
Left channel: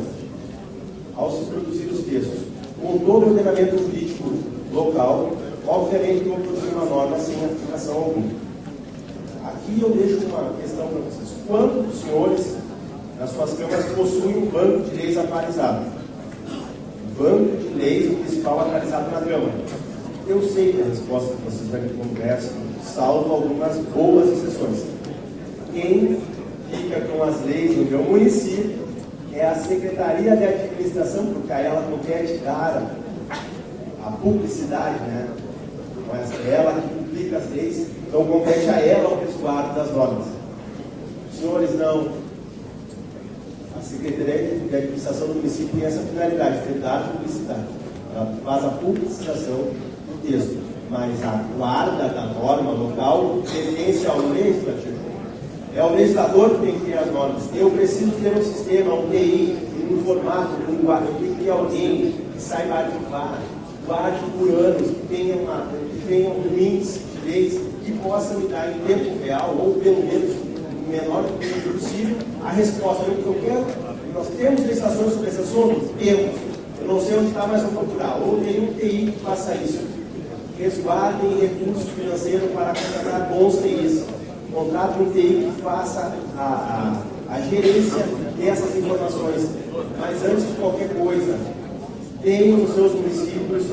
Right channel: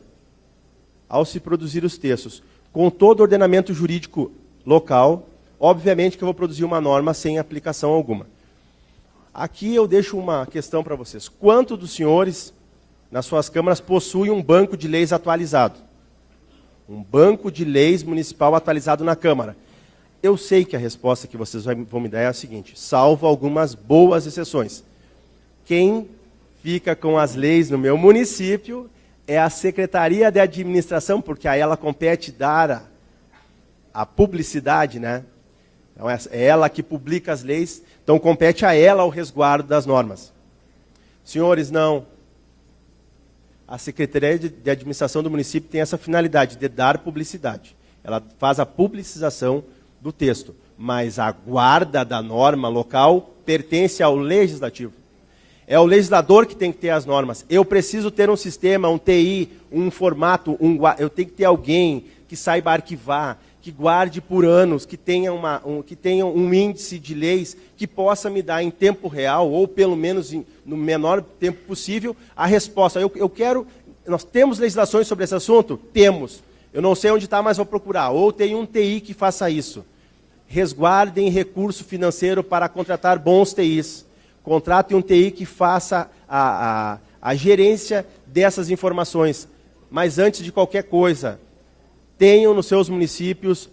ao se produzir os textos com todo o ordenamento jurídico local, obviamente que eu vou produzir uma norma sem aplicação alguma. Aqui eu deixo uma questão para vocês. Quantos dos senhores, nas suas câmaras, possuem um banco de leis atualizado? Um banco de leis municipal atualizado na Câmara? Eu sei que a resposta que vocês vão me dar é a seguinte: salvo algumas boas exceções. Quem fica com as leis no meu município é a Secretaria de Administração, porque a ela compete dar a publicidade, né? Então é ela que publica as leis, então compete a ela o resguardo das normas. Senhores, não. A Secretaria de Administração do município tem essa finalidade de dar publicidade. Ela faz a publicização do texto, mas a guarda da norma local pertence ao legislativo. É o legislador que tem que ter as normas. Eu preciso ter um sistema, um TI, um formato, eu tenho que ter alguém que saiba arquivar, que guarde por anos, que tenha um índice de leis que possa me dar em tempo real, ou pelo menos no menor tempo possível, a resposta. Nós temos legislações sobre esse assunto? Temos. Eu não sei onde está, mas vou procurar. Ou tem um TI que faça isso. Resguardem recurso financeiro para contratar bons TIs. Contratem um TI que faça a gerência dessas informações. Mas antes de qualquer coisa, tenham nos seus municípios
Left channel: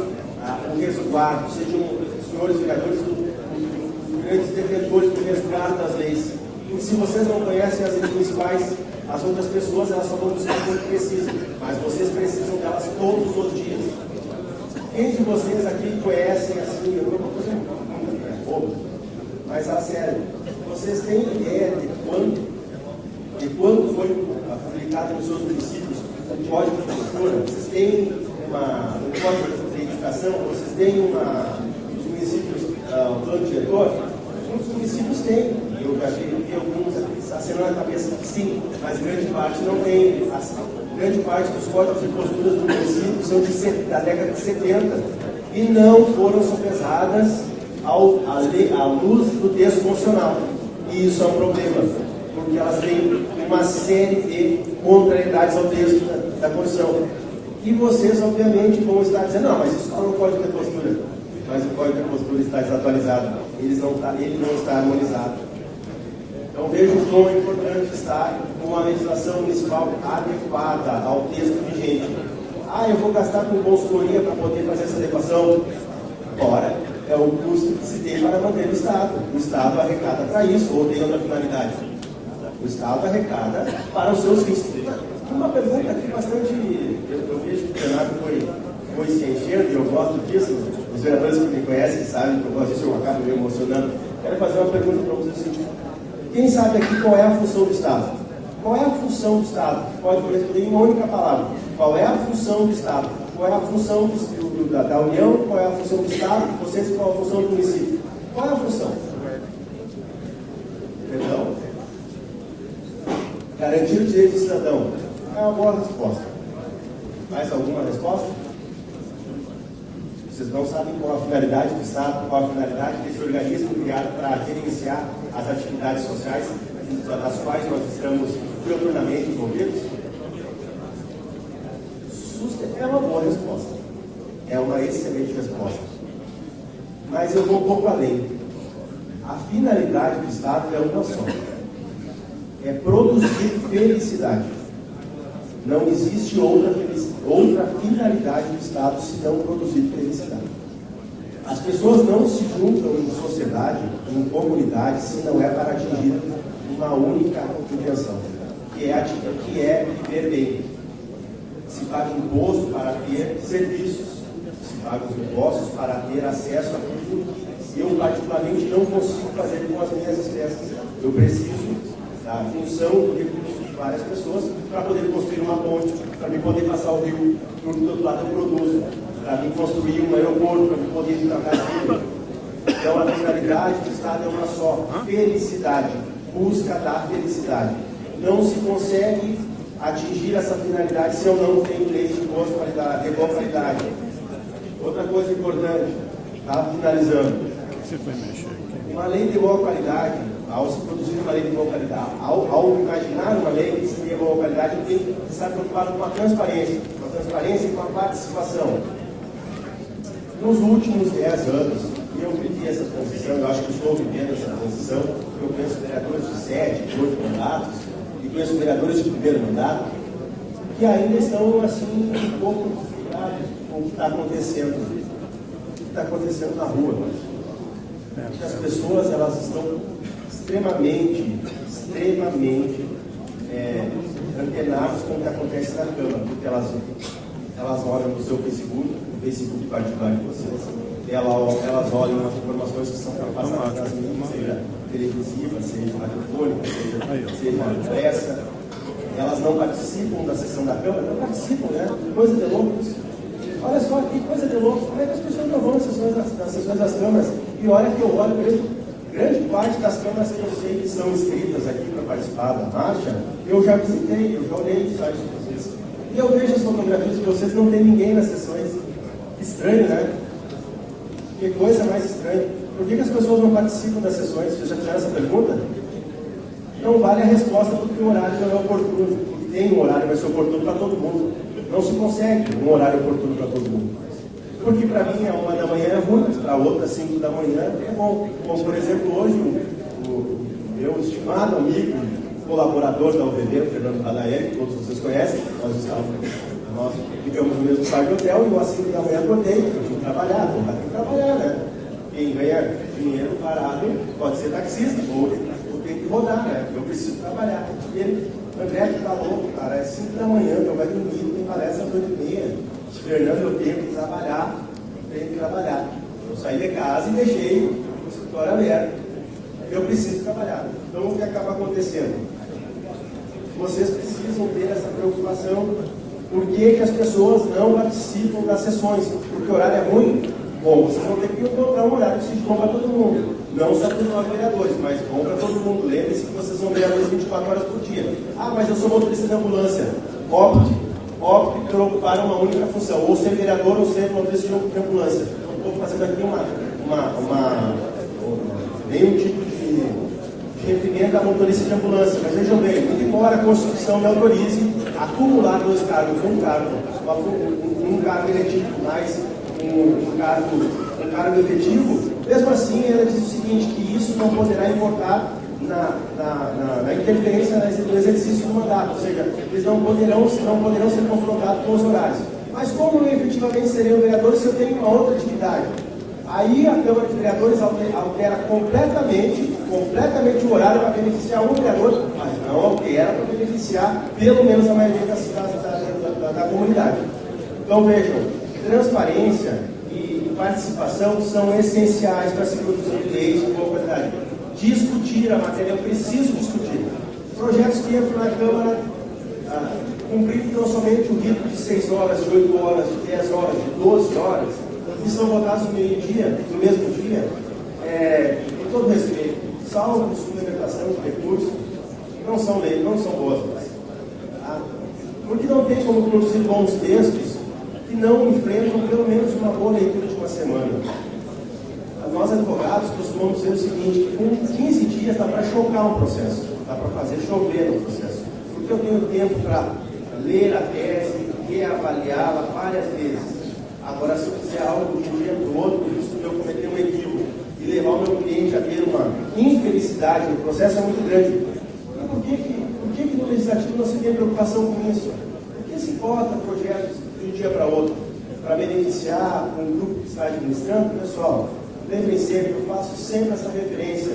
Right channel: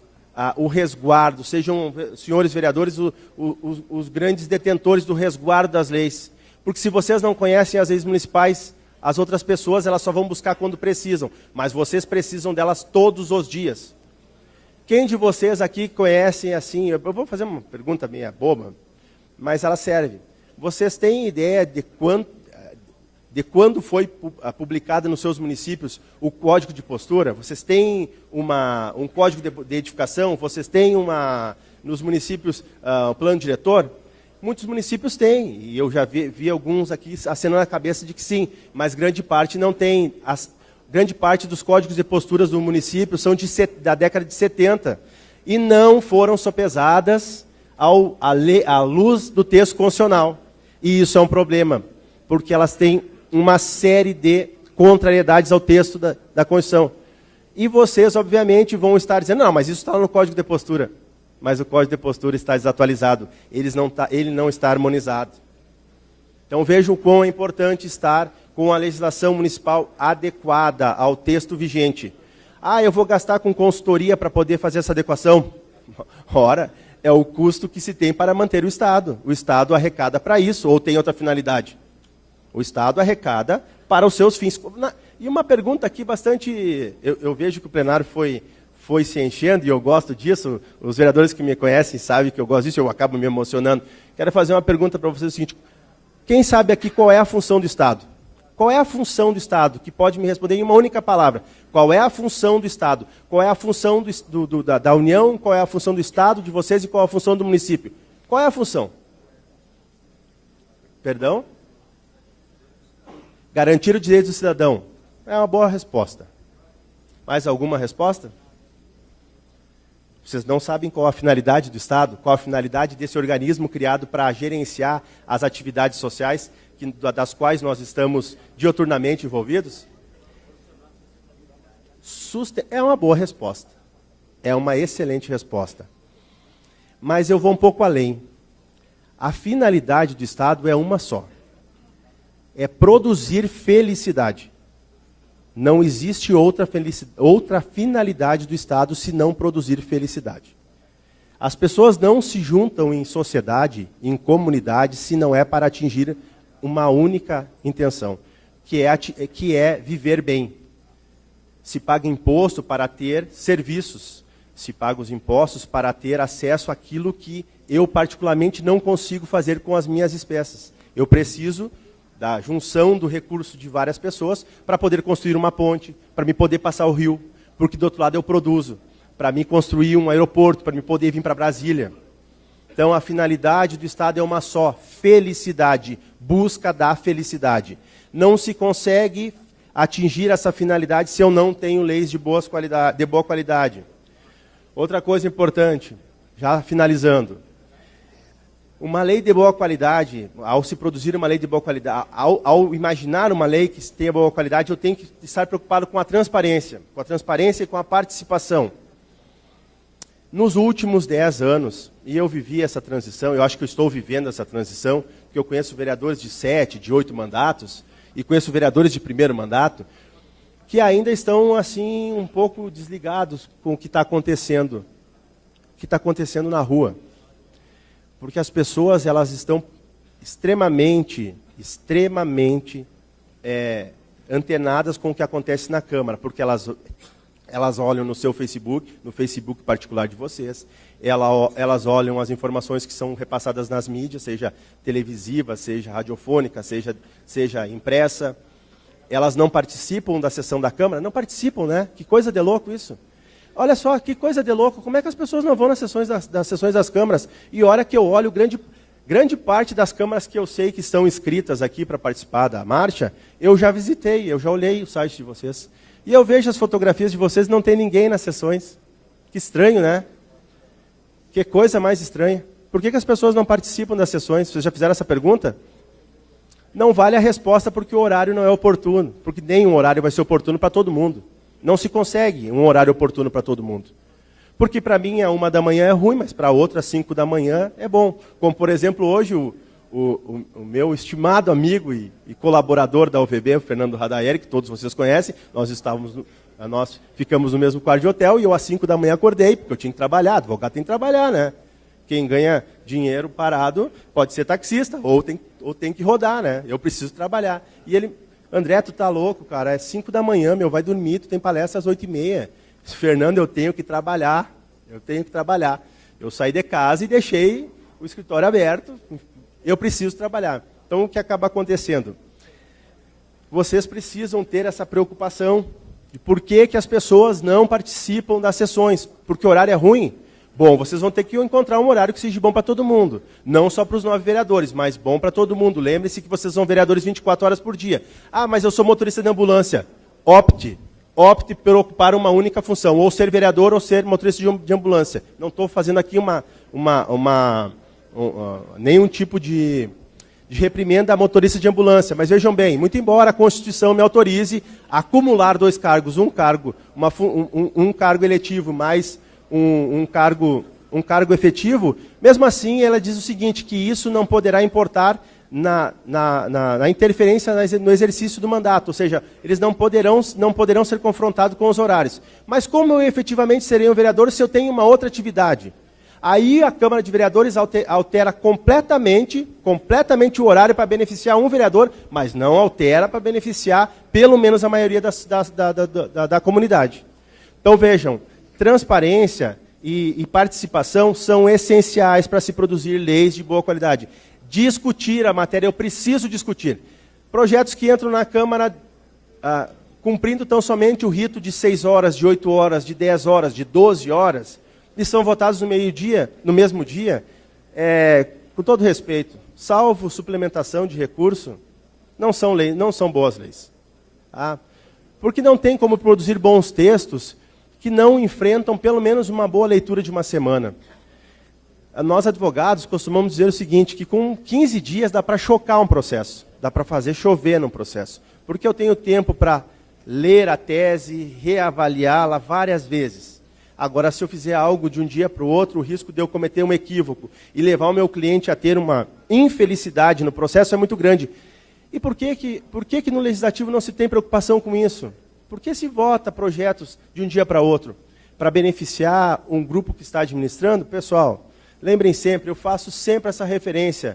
o resguardo. Sejam, senhores vereadores, os grandes detentores do resguardo das leis. Porque se vocês não conhecem as leis municipais, as outras pessoas elas só vão buscar quando precisam. Mas vocês precisam delas todos os dias. Quem de vocês aqui conhecem assim, eu vou fazer uma pergunta minha boba, mas ela serve. Vocês têm ideia de quando foi publicado nos seus municípios o Código de Postura? Vocês têm um código de identificação? Vocês têm nos municípios o plano diretor? Muitos municípios têm, e eu já vi alguns aqui acenando a cabeça de que sim, mas grande parte não tem. Grande parte dos códigos de posturas do município são da década de 70 e não foram sopesadas à luz do texto constitucional. E isso é um problema, porque elas têm uma série de contrariedades ao texto da Constituição. E vocês, obviamente, vão estar dizendo, não, mas isso está no Código de Postura. Mas o Código de Postura está desatualizado, ele não está harmonizado. Então veja o quão é importante estar com a legislação municipal adequada ao texto vigente. Eu vou gastar com consultoria para poder fazer essa adequação. Ora, é o custo que se tem para manter o Estado. O Estado arrecada para isso, ou tem outra finalidade? O Estado arrecada para os seus fins. E uma pergunta aqui bastante... Eu vejo que o plenário foi se enchendo, e eu gosto disso. Os vereadores que me conhecem sabem que eu gosto disso, eu acabo me emocionando. Quero fazer uma pergunta para vocês, o seguinte: quem sabe aqui qual é a função do Estado? Qual é a função do Estado? Que pode me responder em uma única palavra. Qual é a função do Estado? Qual é a função da União? Qual é a função do Estado, de vocês, e qual é a função do município? Qual é a função? Perdão? Garantir o direito do cidadão. É uma boa resposta. Mais alguma resposta? Vocês não sabem qual a finalidade do Estado, qual a finalidade desse organismo criado para gerenciar as atividades sociais das quais nós estamos diuturnamente envolvidos? É uma boa resposta. É uma excelente resposta. Mas eu vou um pouco além. A finalidade do Estado é uma só. É produzir felicidade. Não existe outra finalidade do Estado senão produzir felicidade. As pessoas não se juntam em sociedade, em comunidade, se não é para atingir uma única intenção, que é viver bem. Se paga imposto para ter serviços, se paga os impostos para ter acesso àquilo que eu particularmente não consigo fazer com as minhas espécies. Eu preciso da junção do recurso de várias pessoas para poder construir uma ponte, para me poder passar o rio, porque do outro lado eu produzo, para me construir um aeroporto, para me poder vir para Brasília. Então a finalidade do Estado é uma só: felicidade, busca da felicidade. Não se consegue atingir essa finalidade se eu não tenho leis de boa qualidade. Outra coisa importante, já finalizando, uma lei de boa qualidade, ao se produzir uma lei de boa qualidade, ao imaginar uma lei que tenha boa qualidade, eu tenho que estar preocupado com a transparência e com a participação. Nos últimos 10 anos, e eu vivi essa transição, eu acho que eu estou vivendo essa transição, porque eu conheço vereadores de 7, de 8 mandatos, e conheço vereadores de primeiro mandato, que ainda estão, assim, um pouco desligados com o que está acontecendo na rua. Porque as pessoas, elas estão extremamente antenadas com o que acontece na Câmara, porque elas olham no seu Facebook, no Facebook particular de vocês, elas olham as informações que são repassadas nas mídias, seja televisiva, seja radiofônica, seja impressa. Elas não participam da sessão da Câmara? Não participam, né? Que coisa de louco isso. Olha só, que coisa de louco. Como é que as pessoas não vão nas sessões das câmaras? E olha que eu olho, grande parte das câmaras que eu sei que são inscritas aqui para participar da marcha, eu já visitei, eu já olhei o site de vocês. E eu vejo as fotografias de vocês, não tem ninguém nas sessões. Que estranho, né? Que coisa mais estranha. Por que as pessoas não participam das sessões? Vocês já fizeram essa pergunta? Não vale a resposta porque o horário não é oportuno. Porque tem um horário que vai ser oportuno para todo mundo. Não se consegue um horário oportuno para todo mundo. Porque para mim, a 1 da manhã é ruim, mas para outra, às 5 da manhã, é bom. Como, por exemplo, hoje, o meu estimado amigo e colaborador da UVB, o Fernando Radaeri, que todos vocês conhecem, nós ficamos no mesmo quarto de hotel e eu às 5 da manhã acordei, porque eu tinha que trabalhar, advogado tem que trabalhar, né? Quem ganha dinheiro parado pode ser taxista, ou tem que rodar, né? Eu preciso trabalhar. E ele, André, tu tá louco, cara, é 5 da manhã, vai dormir, tu tem palestra às 8h30. Fernando, eu tenho que trabalhar, Eu saí de casa e deixei o escritório aberto. Eu preciso trabalhar. Então, o que acaba acontecendo? Vocês precisam ter essa preocupação. Por que as pessoas não participam das sessões? Porque o horário é ruim? Bom, vocês vão ter que encontrar um horário que seja bom para todo mundo. Não só para os 9 vereadores, mas bom para todo mundo. Lembre-se que vocês são vereadores 24 horas por dia. Ah, mas eu sou motorista de ambulância. Opte para uma única função. Ou ser vereador ou ser motorista de ambulância. Não estou fazendo aqui nenhum tipo de reprimenda a motorista de ambulância. Mas vejam bem, muito embora a Constituição me autorize a acumular 2 cargos, um cargo eletivo mais um cargo efetivo, mesmo assim ela diz o seguinte, que isso não poderá importar na interferência no exercício do mandato, ou seja, eles não poderão ser confrontados com os horários. Mas como eu efetivamente serei um vereador se eu tenho uma outra atividade? Aí a Câmara de Vereadores altera completamente o horário para beneficiar um vereador, mas não altera para beneficiar pelo menos a maioria da comunidade. Então vejam, transparência e participação são essenciais para se produzir leis de boa qualidade. Discutir a matéria, eu preciso discutir. Projetos que entram na Câmara cumprindo tão somente o rito de 6 horas, de 8 horas, de 10 horas, de 12 horas, e são votados no mesmo dia, com todo respeito, salvo suplementação de recurso, não são boas leis. Tá? Porque não tem como produzir bons textos que não enfrentam pelo menos uma boa leitura de uma semana. Nós, advogados, costumamos dizer o seguinte, que com 15 dias dá para chocar um processo, dá para fazer chover no processo, porque eu tenho tempo para ler a tese, reavaliá-la várias vezes. Agora, se eu fizer algo de um dia para o outro, o risco de eu cometer um equívoco e levar o meu cliente a ter uma infelicidade no processo é muito grande. E por que no Legislativo não se tem preocupação com isso? Por que se vota projetos de um dia para outro? Para beneficiar um grupo que está administrando? Pessoal, lembrem sempre, eu faço sempre essa referência.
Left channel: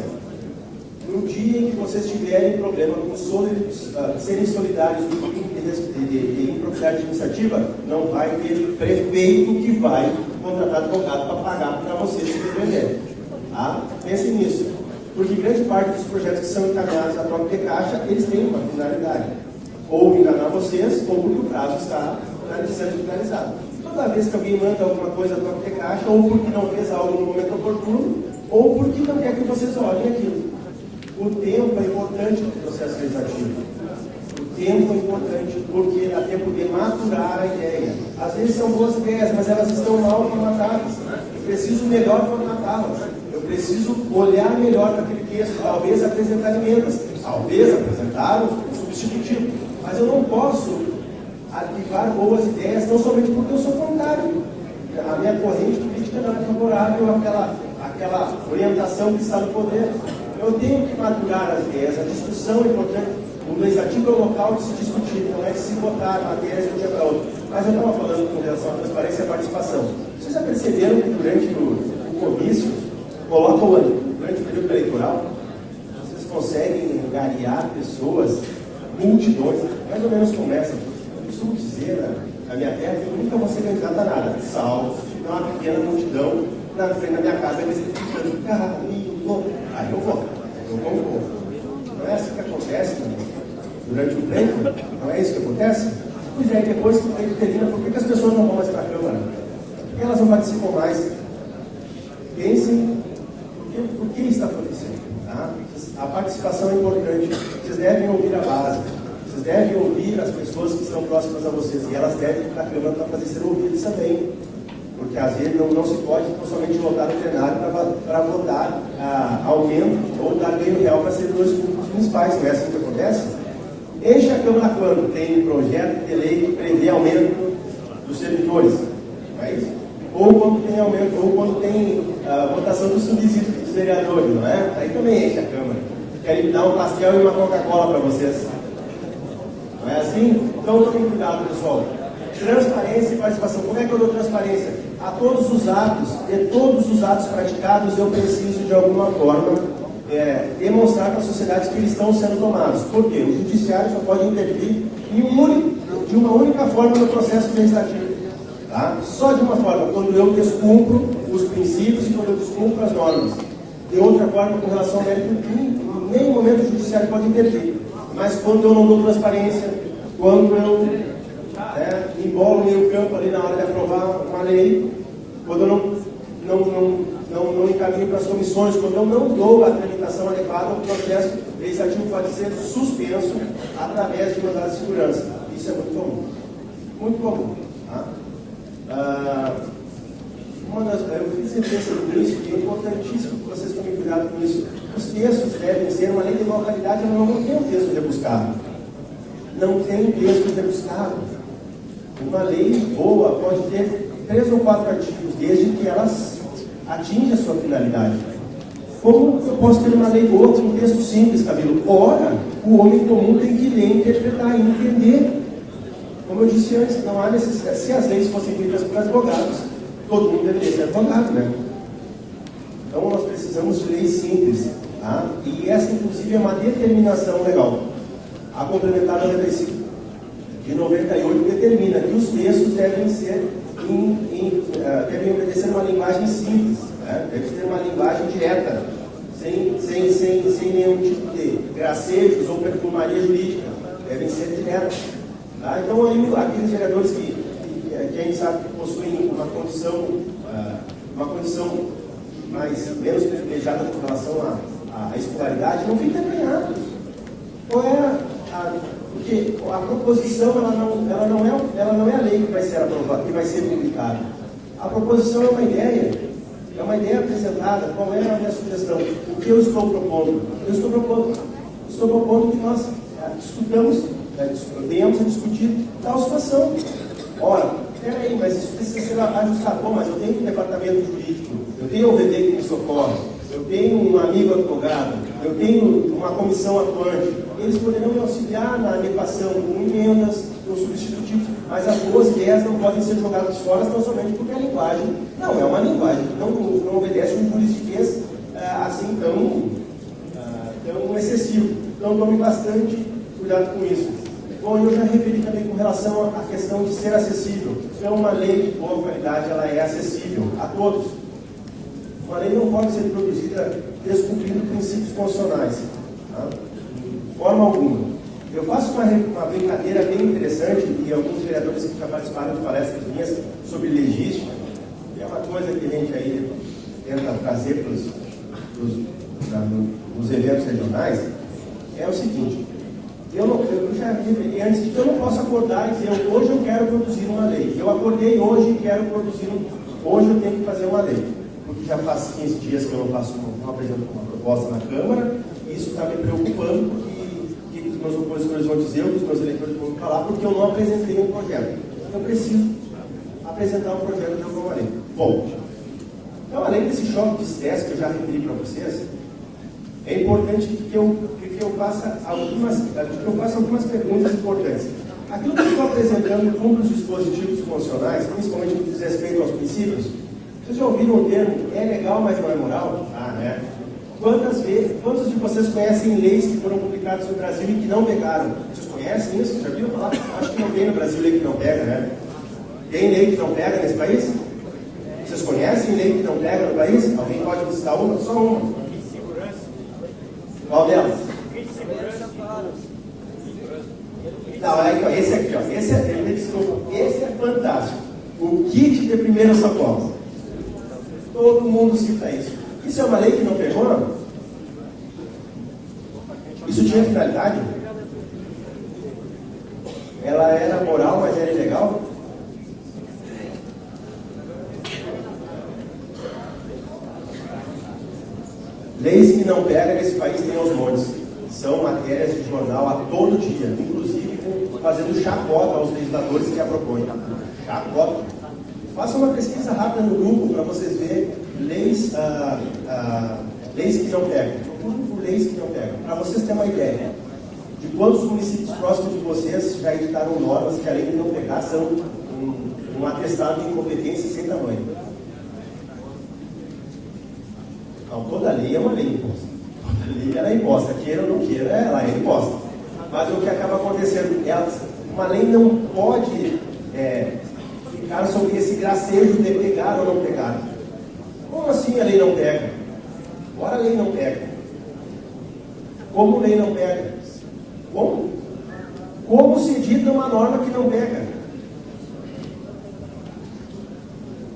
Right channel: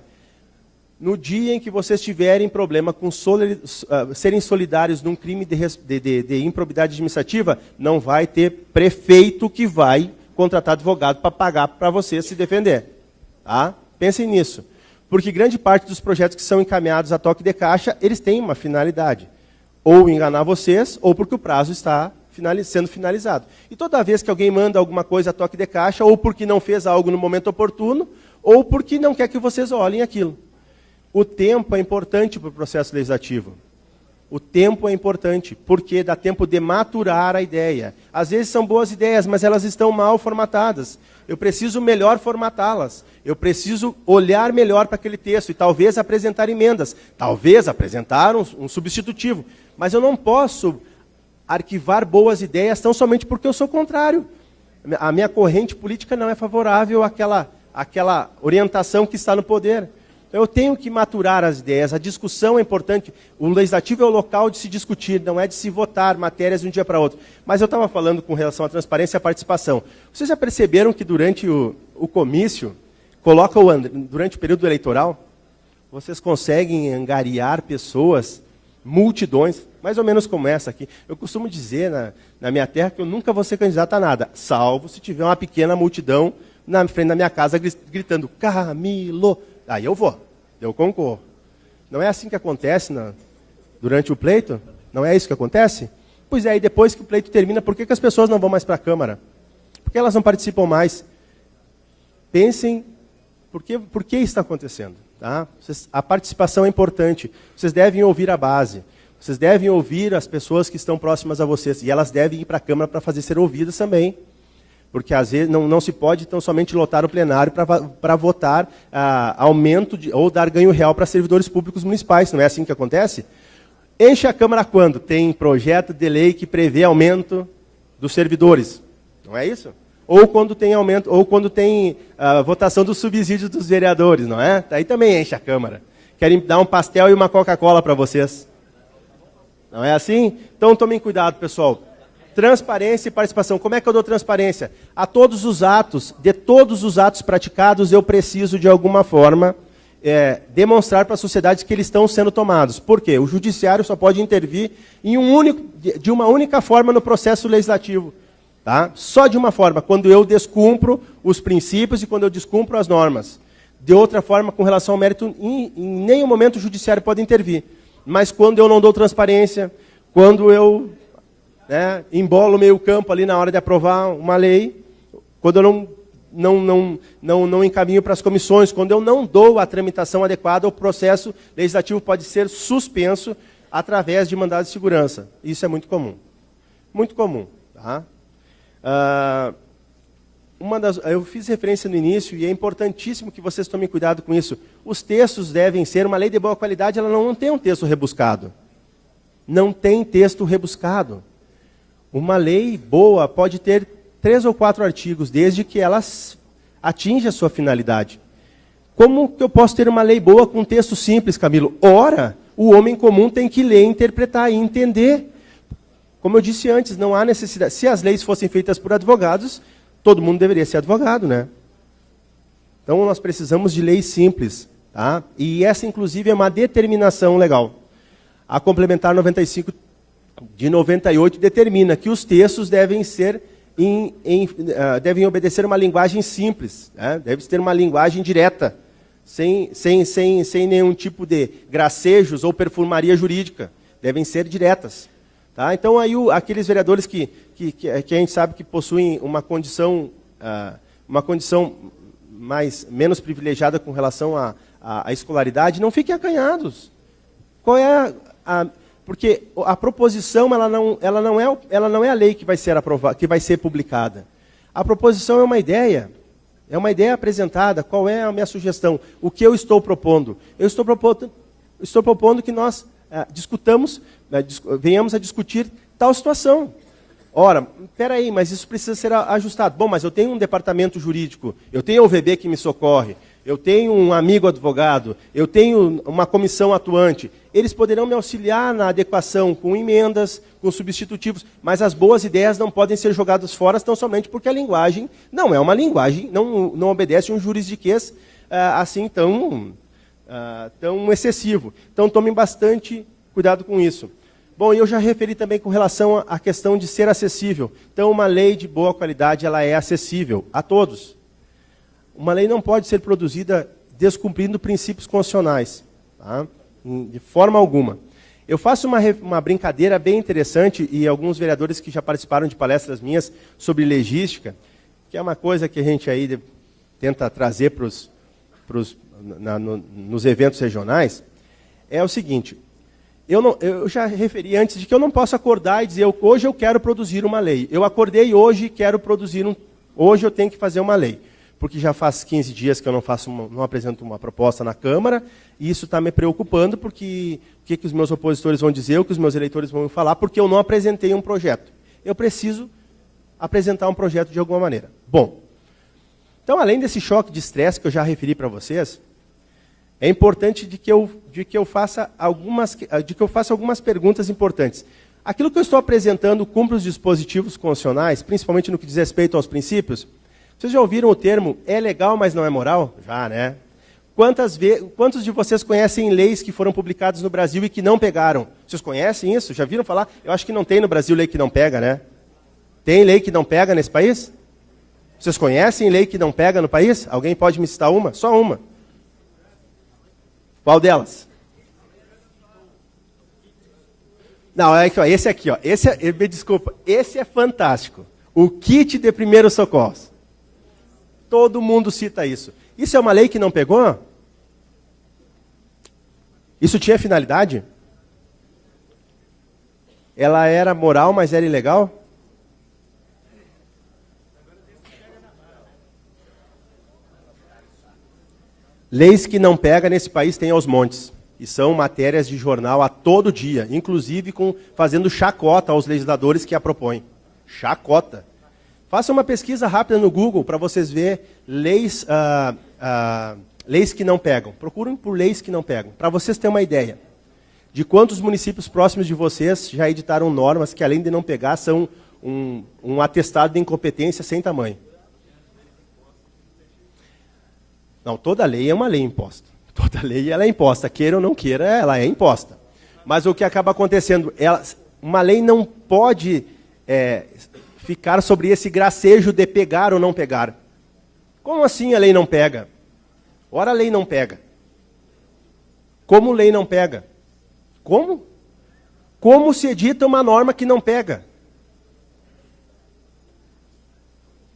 No dia em que vocês tiverem problema com serem solidários num crime de improbidade administrativa, não vai ter prefeito que vai contratar advogado para pagar para vocês se defenderem. Tá? Pensem nisso. Porque grande parte dos projetos que são encaminhados a toque de caixa, eles têm uma finalidade. Ou enganar vocês, ou porque o prazo está sendo finalizado. E toda vez que alguém manda alguma coisa a toque de caixa, ou porque não fez algo no momento oportuno, ou porque não quer que vocês olhem aquilo. O tempo é importante para o processo legislativo. O tempo é importante porque dá tempo de maturar a ideia. Às vezes são boas ideias, mas elas estão mal formatadas. Eu preciso melhor formatá-las. Eu preciso olhar melhor para aquele texto e talvez apresentar emendas. Talvez apresentar um substitutivo. Mas eu não posso arquivar boas ideias tão somente porque eu sou contrário. A minha corrente política não é favorável àquela orientação que está no poder. Eu tenho que maturar as ideias, a discussão é importante. O legislativo é o local de se discutir, não é de se votar matérias de um dia para outro. Mas eu estava falando com relação à transparência e à participação. Vocês já perceberam que durante o comício, durante o período eleitoral, vocês conseguem angariar pessoas, multidões, mais ou menos como essa aqui. Eu costumo dizer na minha terra que eu nunca vou ser candidato a nada, salvo se tiver uma pequena multidão na frente da minha casa gritando, Camilo, aí eu voto, eu concordo. Não é assim que acontece durante o pleito? Não é isso que acontece? Pois é, e depois que o pleito termina, por que as pessoas não vão mais para a Câmara? Por que elas não participam mais? Pensem, por que isso está acontecendo? Tá? A participação é importante, vocês devem ouvir a base, vocês devem ouvir as pessoas que estão próximas a vocês, e elas devem ir para a Câmara para fazer ser ouvidas também, porque às vezes não se pode tão somente lotar o plenário para votar aumento ou dar ganho real para servidores públicos municipais, não é assim que acontece? Enche a Câmara quando tem projeto de lei que prevê aumento dos servidores, não é isso? Ou quando tem aumento, ou quando tem votação dos subsídios dos vereadores, não é? Daí também enche a Câmara. Querem dar um pastel e uma Coca-Cola para vocês. Não é assim? Então tomem cuidado, pessoal. Transparência e participação. Como é que eu dou transparência? A todos os atos, de todos os atos praticados, eu preciso de alguma forma demonstrar para a sociedade que eles estão sendo tomados. Por quê? O judiciário só pode intervir de uma única forma no processo legislativo. Tá? Só de uma forma, quando eu descumpro os princípios e quando eu descumpro as normas. De outra forma, com relação ao mérito, em nenhum momento o judiciário pode intervir. Mas quando eu não dou transparência, quando eu embolo o meio campo ali na hora de aprovar uma lei, quando eu não encaminho para as comissões, quando eu não dou a tramitação adequada, o processo legislativo pode ser suspenso através de mandado de segurança. Isso é muito comum. Muito comum. Tá? Eu fiz referência no início e é importantíssimo que vocês tomem cuidado com isso. Os textos devem ser, uma lei de boa qualidade, ela não tem um texto rebuscado. Não tem texto rebuscado. Uma lei boa pode ter 3 ou 4 artigos, desde que elas atinjam a sua finalidade. Como que eu posso ter uma lei boa com texto simples, Camilo? Ora, o homem comum tem que ler, interpretar e entender. Como eu disse antes, não há necessidade. Se as leis fossem feitas por advogados, todo mundo deveria ser advogado, né? Então, nós precisamos de leis simples, tá? E essa, inclusive, é uma determinação legal. A Complementar 95 de 98 determina que os textos devem devem obedecer uma linguagem simples, né? Deve ter uma linguagem direta, sem nenhum tipo de gracejos ou perfumaria jurídica. Devem ser diretas. Tá? Então, aí, aqueles vereadores que a gente sabe que possuem uma condição menos privilegiada com relação à escolaridade, não fiquem acanhados. Qual é porque a proposição ela não é a lei que vai ser aprovada, que vai ser publicada. A proposição é uma ideia apresentada. Qual é a minha sugestão? O que eu estou propondo? Eu estou propondo que nós venhamos a discutir tal situação. Ora, espera aí, mas isso precisa ser ajustado. Bom, mas eu tenho um departamento jurídico, eu tenho o OVB que me socorre, eu tenho um amigo advogado, eu tenho uma comissão atuante. Eles poderão me auxiliar na adequação com emendas, com substitutivos, mas as boas ideias não podem ser jogadas fora, tão somente porque a linguagem não é uma linguagem, não obedece a um juridiquês assim tão excessivo. Então, tomem bastante cuidado com isso. Bom, eu já referi também com relação à questão de ser acessível. Então, uma lei de boa qualidade, ela é acessível a todos. Uma lei não pode ser produzida descumprindo princípios constitucionais, tá? De forma alguma. Eu faço uma brincadeira bem interessante, e alguns vereadores que já participaram de palestras minhas sobre legística, que é uma coisa que a gente aí tenta trazer nos eventos regionais, é o seguinte: eu já referi antes de que eu não posso acordar e dizer, hoje eu quero produzir uma lei. Eu acordei hoje e quero produzir hoje eu tenho que fazer uma lei. Porque já faz 15 dias que eu não apresento uma proposta na Câmara, e isso está me preocupando, porque o que os meus opositores vão dizer, o que os meus eleitores vão me falar, porque eu não apresentei um projeto. Eu preciso apresentar um projeto de alguma maneira. Bom, então, além desse choque de estresse que eu já referi para vocês, é importante de que eu faça algumas perguntas importantes. Aquilo que eu estou apresentando cumpre os dispositivos constitucionais, principalmente no que diz respeito aos princípios. Vocês já ouviram o termo, é legal, mas não é moral? Ah, né? Quantos de vocês conhecem leis que foram publicadas no Brasil e que não pegaram? Vocês conhecem isso? Já viram falar? Eu acho que não tem no Brasil lei que não pega, né? Tem lei que não pega nesse país? Vocês conhecem lei que não pega no país? Alguém pode me citar uma? Só uma. Qual delas? Não, é aqui, ó, esse aqui, ó. Desculpa, esse é fantástico. O kit de primeiros socorros. Todo mundo cita isso. Isso é uma lei que não pegou? Isso tinha finalidade? Ela era moral, mas era ilegal? Leis que não pega nesse país tem aos montes. E são matérias de jornal a todo dia, inclusive fazendo chacota aos legisladores que a propõem. Chacota. Faça uma pesquisa rápida no Google para vocês verem leis que não pegam. Procurem por leis que não pegam, para vocês terem uma ideia de quantos municípios próximos de vocês já editaram normas que, além de não pegar, são um atestado de incompetência sem tamanho. Não, toda lei é uma lei imposta. Toda lei ela é imposta, queira ou não queira, ela é imposta. Mas o que acaba acontecendo, uma lei não pode ficar sobre esse gracejo de pegar ou não pegar. Como assim a lei não pega? Ora, a lei não pega. Como lei não pega? Como? Como se edita uma norma que não pega?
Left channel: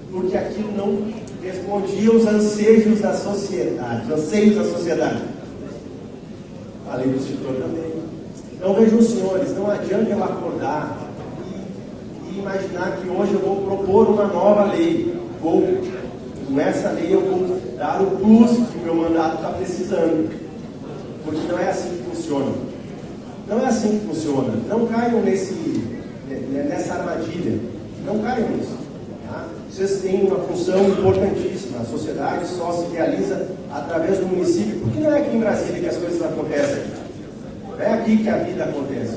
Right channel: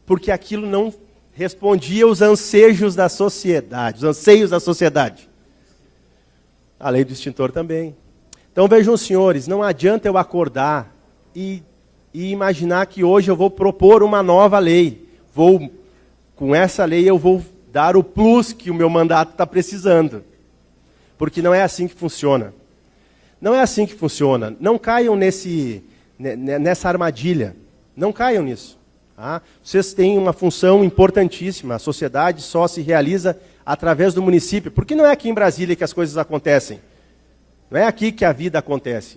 Porque aquilo não respondia aos anseios da sociedade, os anseios da sociedade. A lei do extintor também. Então vejam, senhores, não adianta eu acordar e imaginar que hoje eu vou propor uma nova lei. Com essa lei eu vou dar o plus que o meu mandato está precisando. Porque não é assim que funciona. Não é assim que funciona. Não caiam nessa armadilha. Não caiam nisso. Tá? Vocês têm uma função importantíssima. A sociedade só se realiza através do município, porque não é aqui em Brasília que as coisas acontecem. Não é aqui que a vida acontece.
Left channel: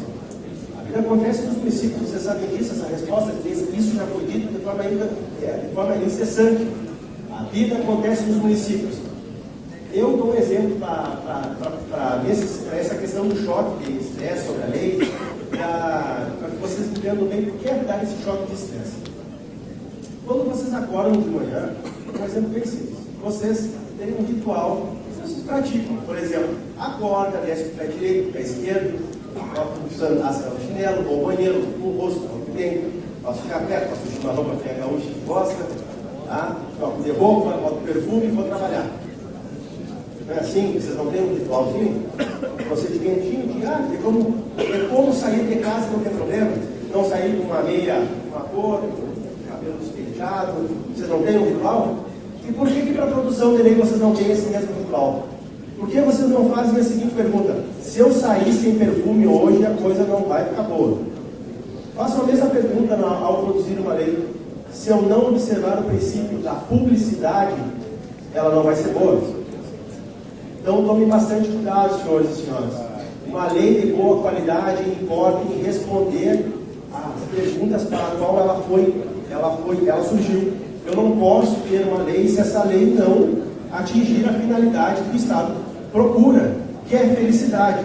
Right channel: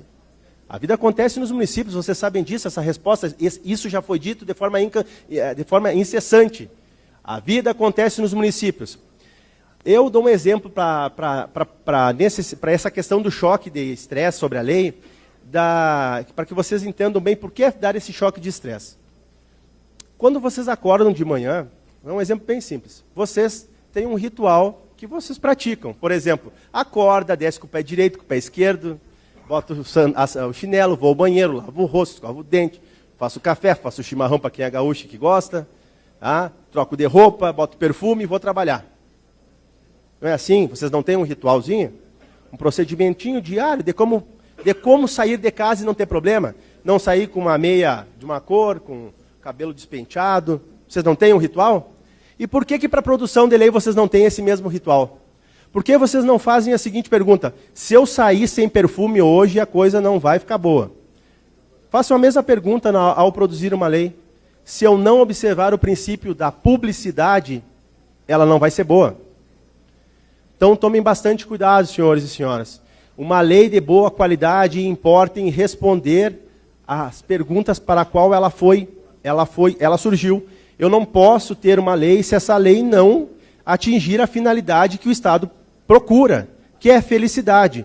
A vida acontece nos municípios, vocês sabem disso, essa resposta, isso já foi dito de forma incessante. A vida acontece nos municípios. Eu dou um exemplo para essa questão do choque de estresse sobre a lei, para que vocês entendam bem por que dar esse choque de estresse. Quando vocês acordam de manhã, é um exemplo bem simples, vocês têm um ritual que vocês praticam. Por exemplo, acorda, desce com o pé direito, com o pé esquerdo, bota o chinelo, vou ao banheiro, o rosto, escovo o dente, faço o café, faço o chimarrão para quem é gaúcho que gosta, tá? Troco de roupa, boto perfume e vou trabalhar. Não é assim? Vocês não têm um ritualzinho? Um procedimentinho diário de como sair de casa e não ter problema? Não sair com uma meia, uma cor, com o cabelo despenteado. Vocês não têm um ritual? E por que para a produção de lei vocês não têm esse mesmo ritual? Por que vocês não fazem a seguinte pergunta? Se eu sair sem perfume hoje, a coisa não vai ficar boa. Façam a mesma pergunta ao produzir uma lei. Se eu não observar o princípio da publicidade, ela não vai ser boa. Então tomem bastante cuidado, senhores e senhoras. Uma lei de boa qualidade importa em responder às perguntas para a qual ela surgiu. Eu não posso ter uma lei se essa lei não atingir a finalidade que o Estado procura, que é felicidade.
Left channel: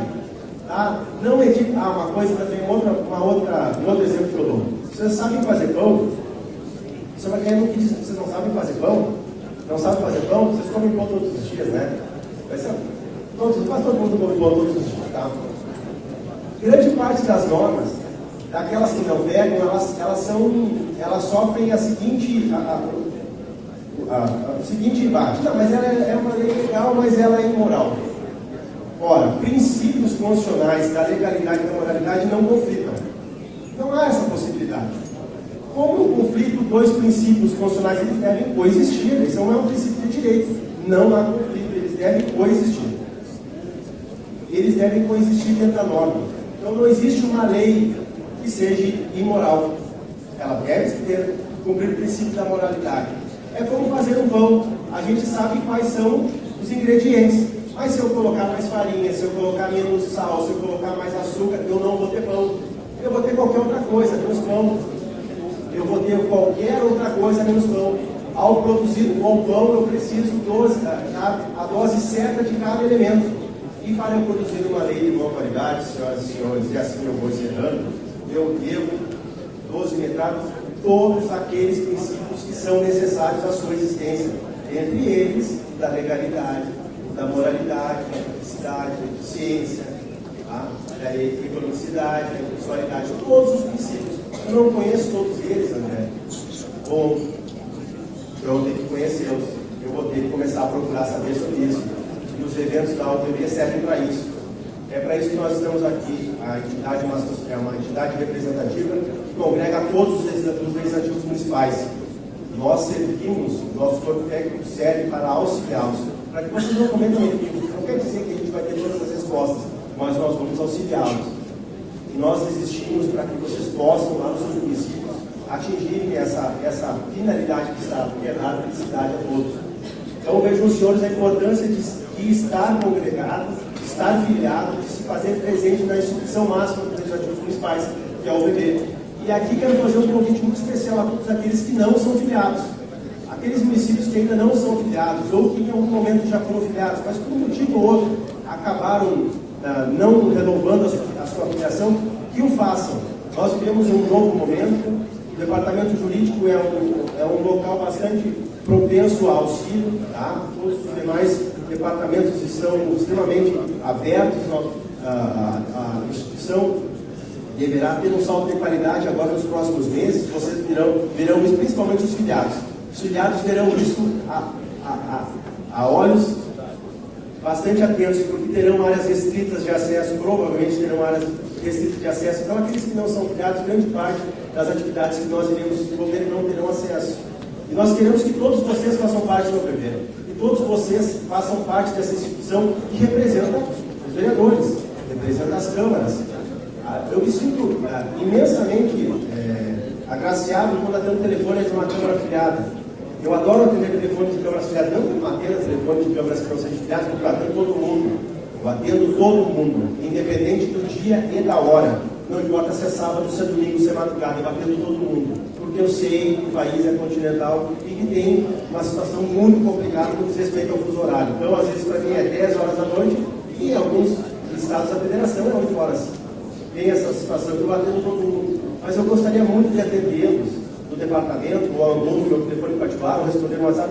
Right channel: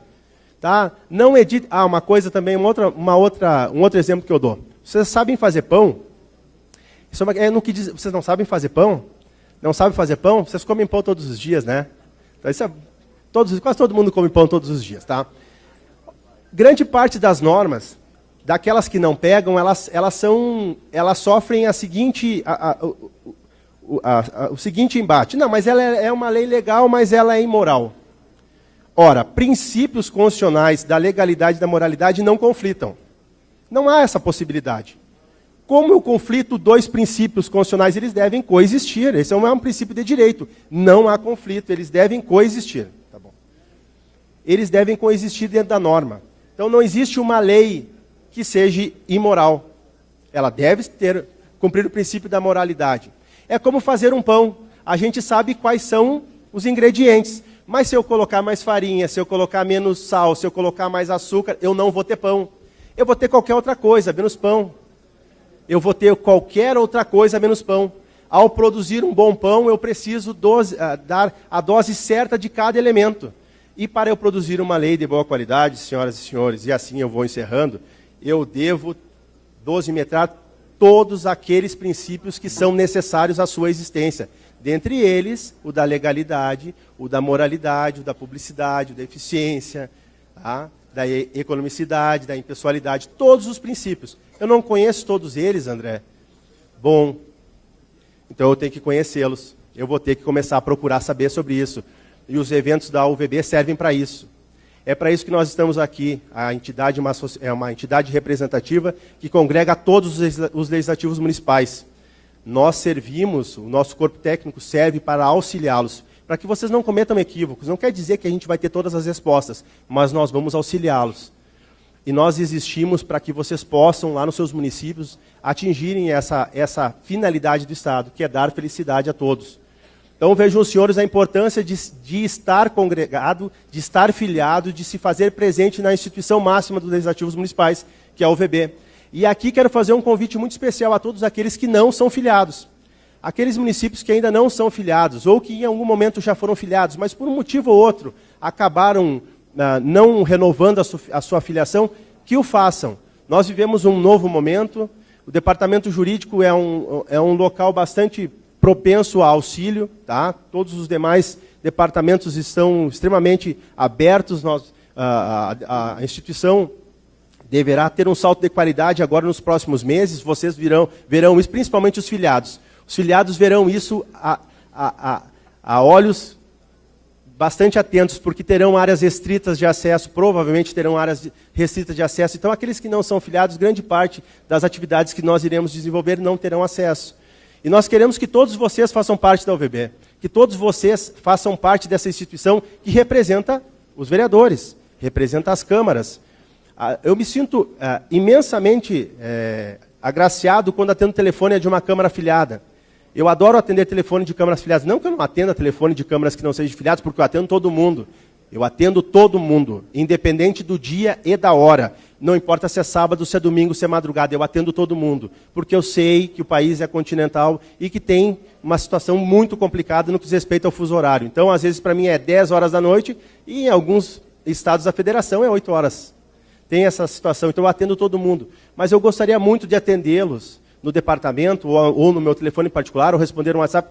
Tá? Não edita. Uma coisa também, um outro exemplo que eu dou. Vocês sabem fazer pão? Vocês não sabem fazer pão? Não sabem fazer pão? Vocês comem pão todos os dias, né? Quase todo mundo come pão todos os dias, tá? Grande parte das normas, daquelas que não pegam, elas sofrem o seguinte embate. Não, mas ela é uma lei legal, mas ela é imoral. Ora, princípios constitucionais da legalidade e da moralidade não conflitam. Não há essa possibilidade. Como eu conflito dois princípios constitucionais, eles devem coexistir. Esse é um princípio de direito. Não há conflito, eles devem coexistir. Eles devem coexistir dentro da norma. Então não existe uma lei que seja imoral. Ela deve cumprir o princípio da moralidade. É como fazer um pão. A gente sabe quais são os ingredientes. Mas se eu colocar mais farinha, se eu colocar menos sal, se eu colocar mais açúcar, eu não vou ter pão. Eu vou ter qualquer outra coisa, menos pão. Eu vou ter qualquer outra coisa menos pão. Ao produzir um bom pão, eu preciso dar a dose certa de cada elemento. E para eu produzir uma lei de boa qualidade, senhoras e senhores, e assim eu vou encerrando, eu devo 12 metrados. todos aqueles princípios que são necessários à sua existência. Dentre eles, o da legalidade, o da moralidade, o da publicidade, da eficiência, tá? Da economicidade, da impessoalidade, todos os princípios. Eu não conheço todos eles, André. Bom, então eu tenho que conhecê-los. Eu vou ter que começar a procurar saber sobre isso. E os eventos da UVB servem para isso. É para isso que nós estamos aqui. A entidade é uma entidade representativa que congrega todos os legislativos municipais. Nós servimos, nosso corpo técnico serve para auxiliá-los, para que vocês não cometam equívocos. Não quer dizer que a gente vai ter todas as respostas, mas nós vamos auxiliá-los. E nós existimos para que vocês possam, lá nos seus municípios, atingirem essa finalidade do Estado, que é dar felicidade a todos. Então, vejam os senhores a importância de estar congregado, de estar filiado, de se fazer presente na instituição máxima dos legislativos municipais, que é a UVB. E aqui quero fazer um convite muito especial a todos aqueles que não são filiados. Aqueles municípios que ainda não são filiados, ou que em algum momento já foram filiados, mas por um motivo ou outro acabaram não renovando a sua filiação, que o façam. Nós vivemos um novo momento. O departamento jurídico é um local bastante propenso a auxílio, tá? Todos os demais departamentos estão extremamente abertos. A instituição deverá ter um salto de qualidade agora nos próximos meses. Vocês verão isso, principalmente os filiados. Os filiados verão isso a olhos bastante atentos, porque terão áreas restritas de acesso, provavelmente terão áreas restritas de acesso. Então, aqueles que não são filiados, grande parte das atividades que nós iremos desenvolver não terão acesso. E nós queremos que todos vocês façam parte da UVB, que todos vocês façam parte dessa instituição que representa os vereadores, representa as câmaras. Eu me sinto imensamente agraciado quando atendo telefone de uma câmara afiliada. Eu adoro atender telefone de câmaras afiliadas, não que eu não atenda telefone de câmaras que não sejam filiadas, porque eu atendo todo mundo. Eu atendo todo mundo, independente do dia e da hora. Não importa se é sábado, se é domingo, se é madrugada, eu atendo todo mundo. Porque eu sei que o país é continental e que tem uma situação muito complicada no que diz respeito ao fuso horário. Então, às vezes, para mim é 10 horas da noite e em alguns estados da federação é 8 horas. Tem essa situação, então eu atendo todo mundo. Mas eu gostaria muito de atendê-los no departamento ou no meu telefone particular, ou responder no WhatsApp,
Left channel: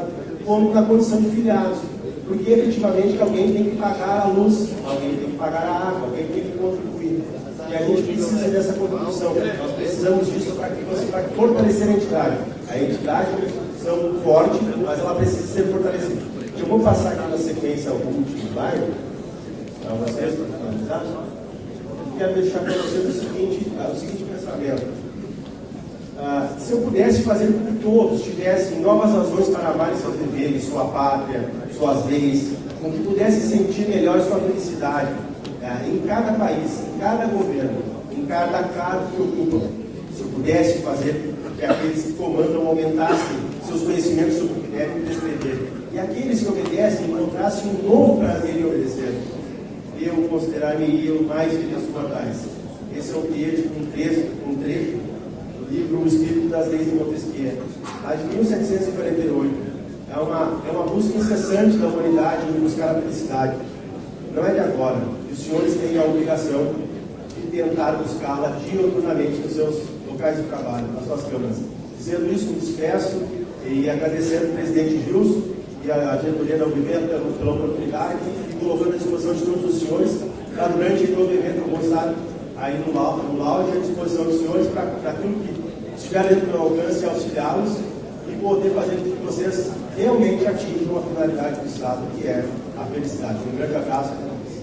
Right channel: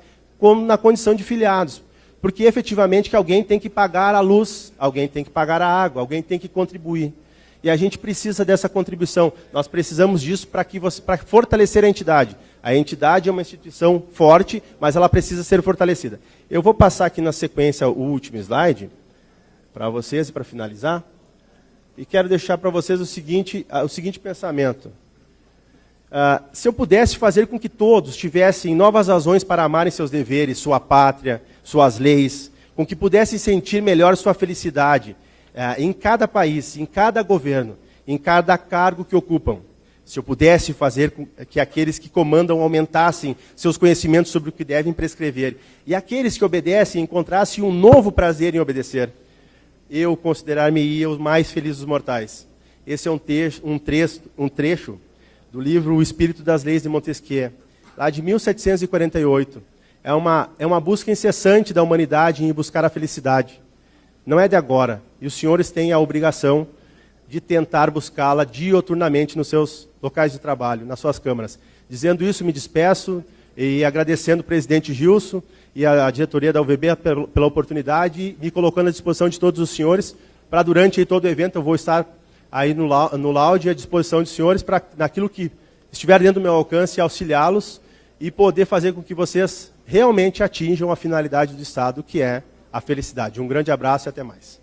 na condição de filiados. Porque efetivamente que alguém tem que pagar a luz, alguém tem que pagar a água, alguém tem que contribuir. E a gente precisa dessa contribuição. Nós precisamos disso para fortalecer a entidade. A entidade é uma instituição forte, mas ela precisa ser fortalecida. Eu vou passar aqui na sequência o último slide para vocês, para finalizar. Eu quero deixar para vocês o seguinte pensamento. Se eu pudesse fazer com que todos tivessem novas razões para amarem seus deveres, sua pátria, suas leis, com que pudessem sentir melhor sua felicidade, em cada país, em cada governo, em cada cargo que ocupam, se eu pudesse fazer que aqueles que comandam aumentassem seus conhecimentos sobre o que devem prescrever, e aqueles que obedecem encontrassem um novo prazer em obedecer, eu considerar-me o mais feliz dos mortais. Esse é um trecho do livro O Espírito das Leis de Montesquieu, lá de 1748. É uma busca incessante da humanidade em buscar a felicidade. Não é de agora. E os senhores têm a obrigação de tentar buscá-la dioturnamente nos seus locais de trabalho, nas suas câmaras. Dizendo isso, me despeço e agradecendo o presidente Gilson e a diretoria da UVB pela oportunidade e colocando à disposição de todos os senhores para durante todo o evento eu vou estar aí no lounge à disposição dos senhores para naquilo que estiver dentro do meu alcance auxiliá-los e poder fazer com que vocês realmente atinjam a finalidade do Estado, que é a felicidade. Um grande abraço e até mais.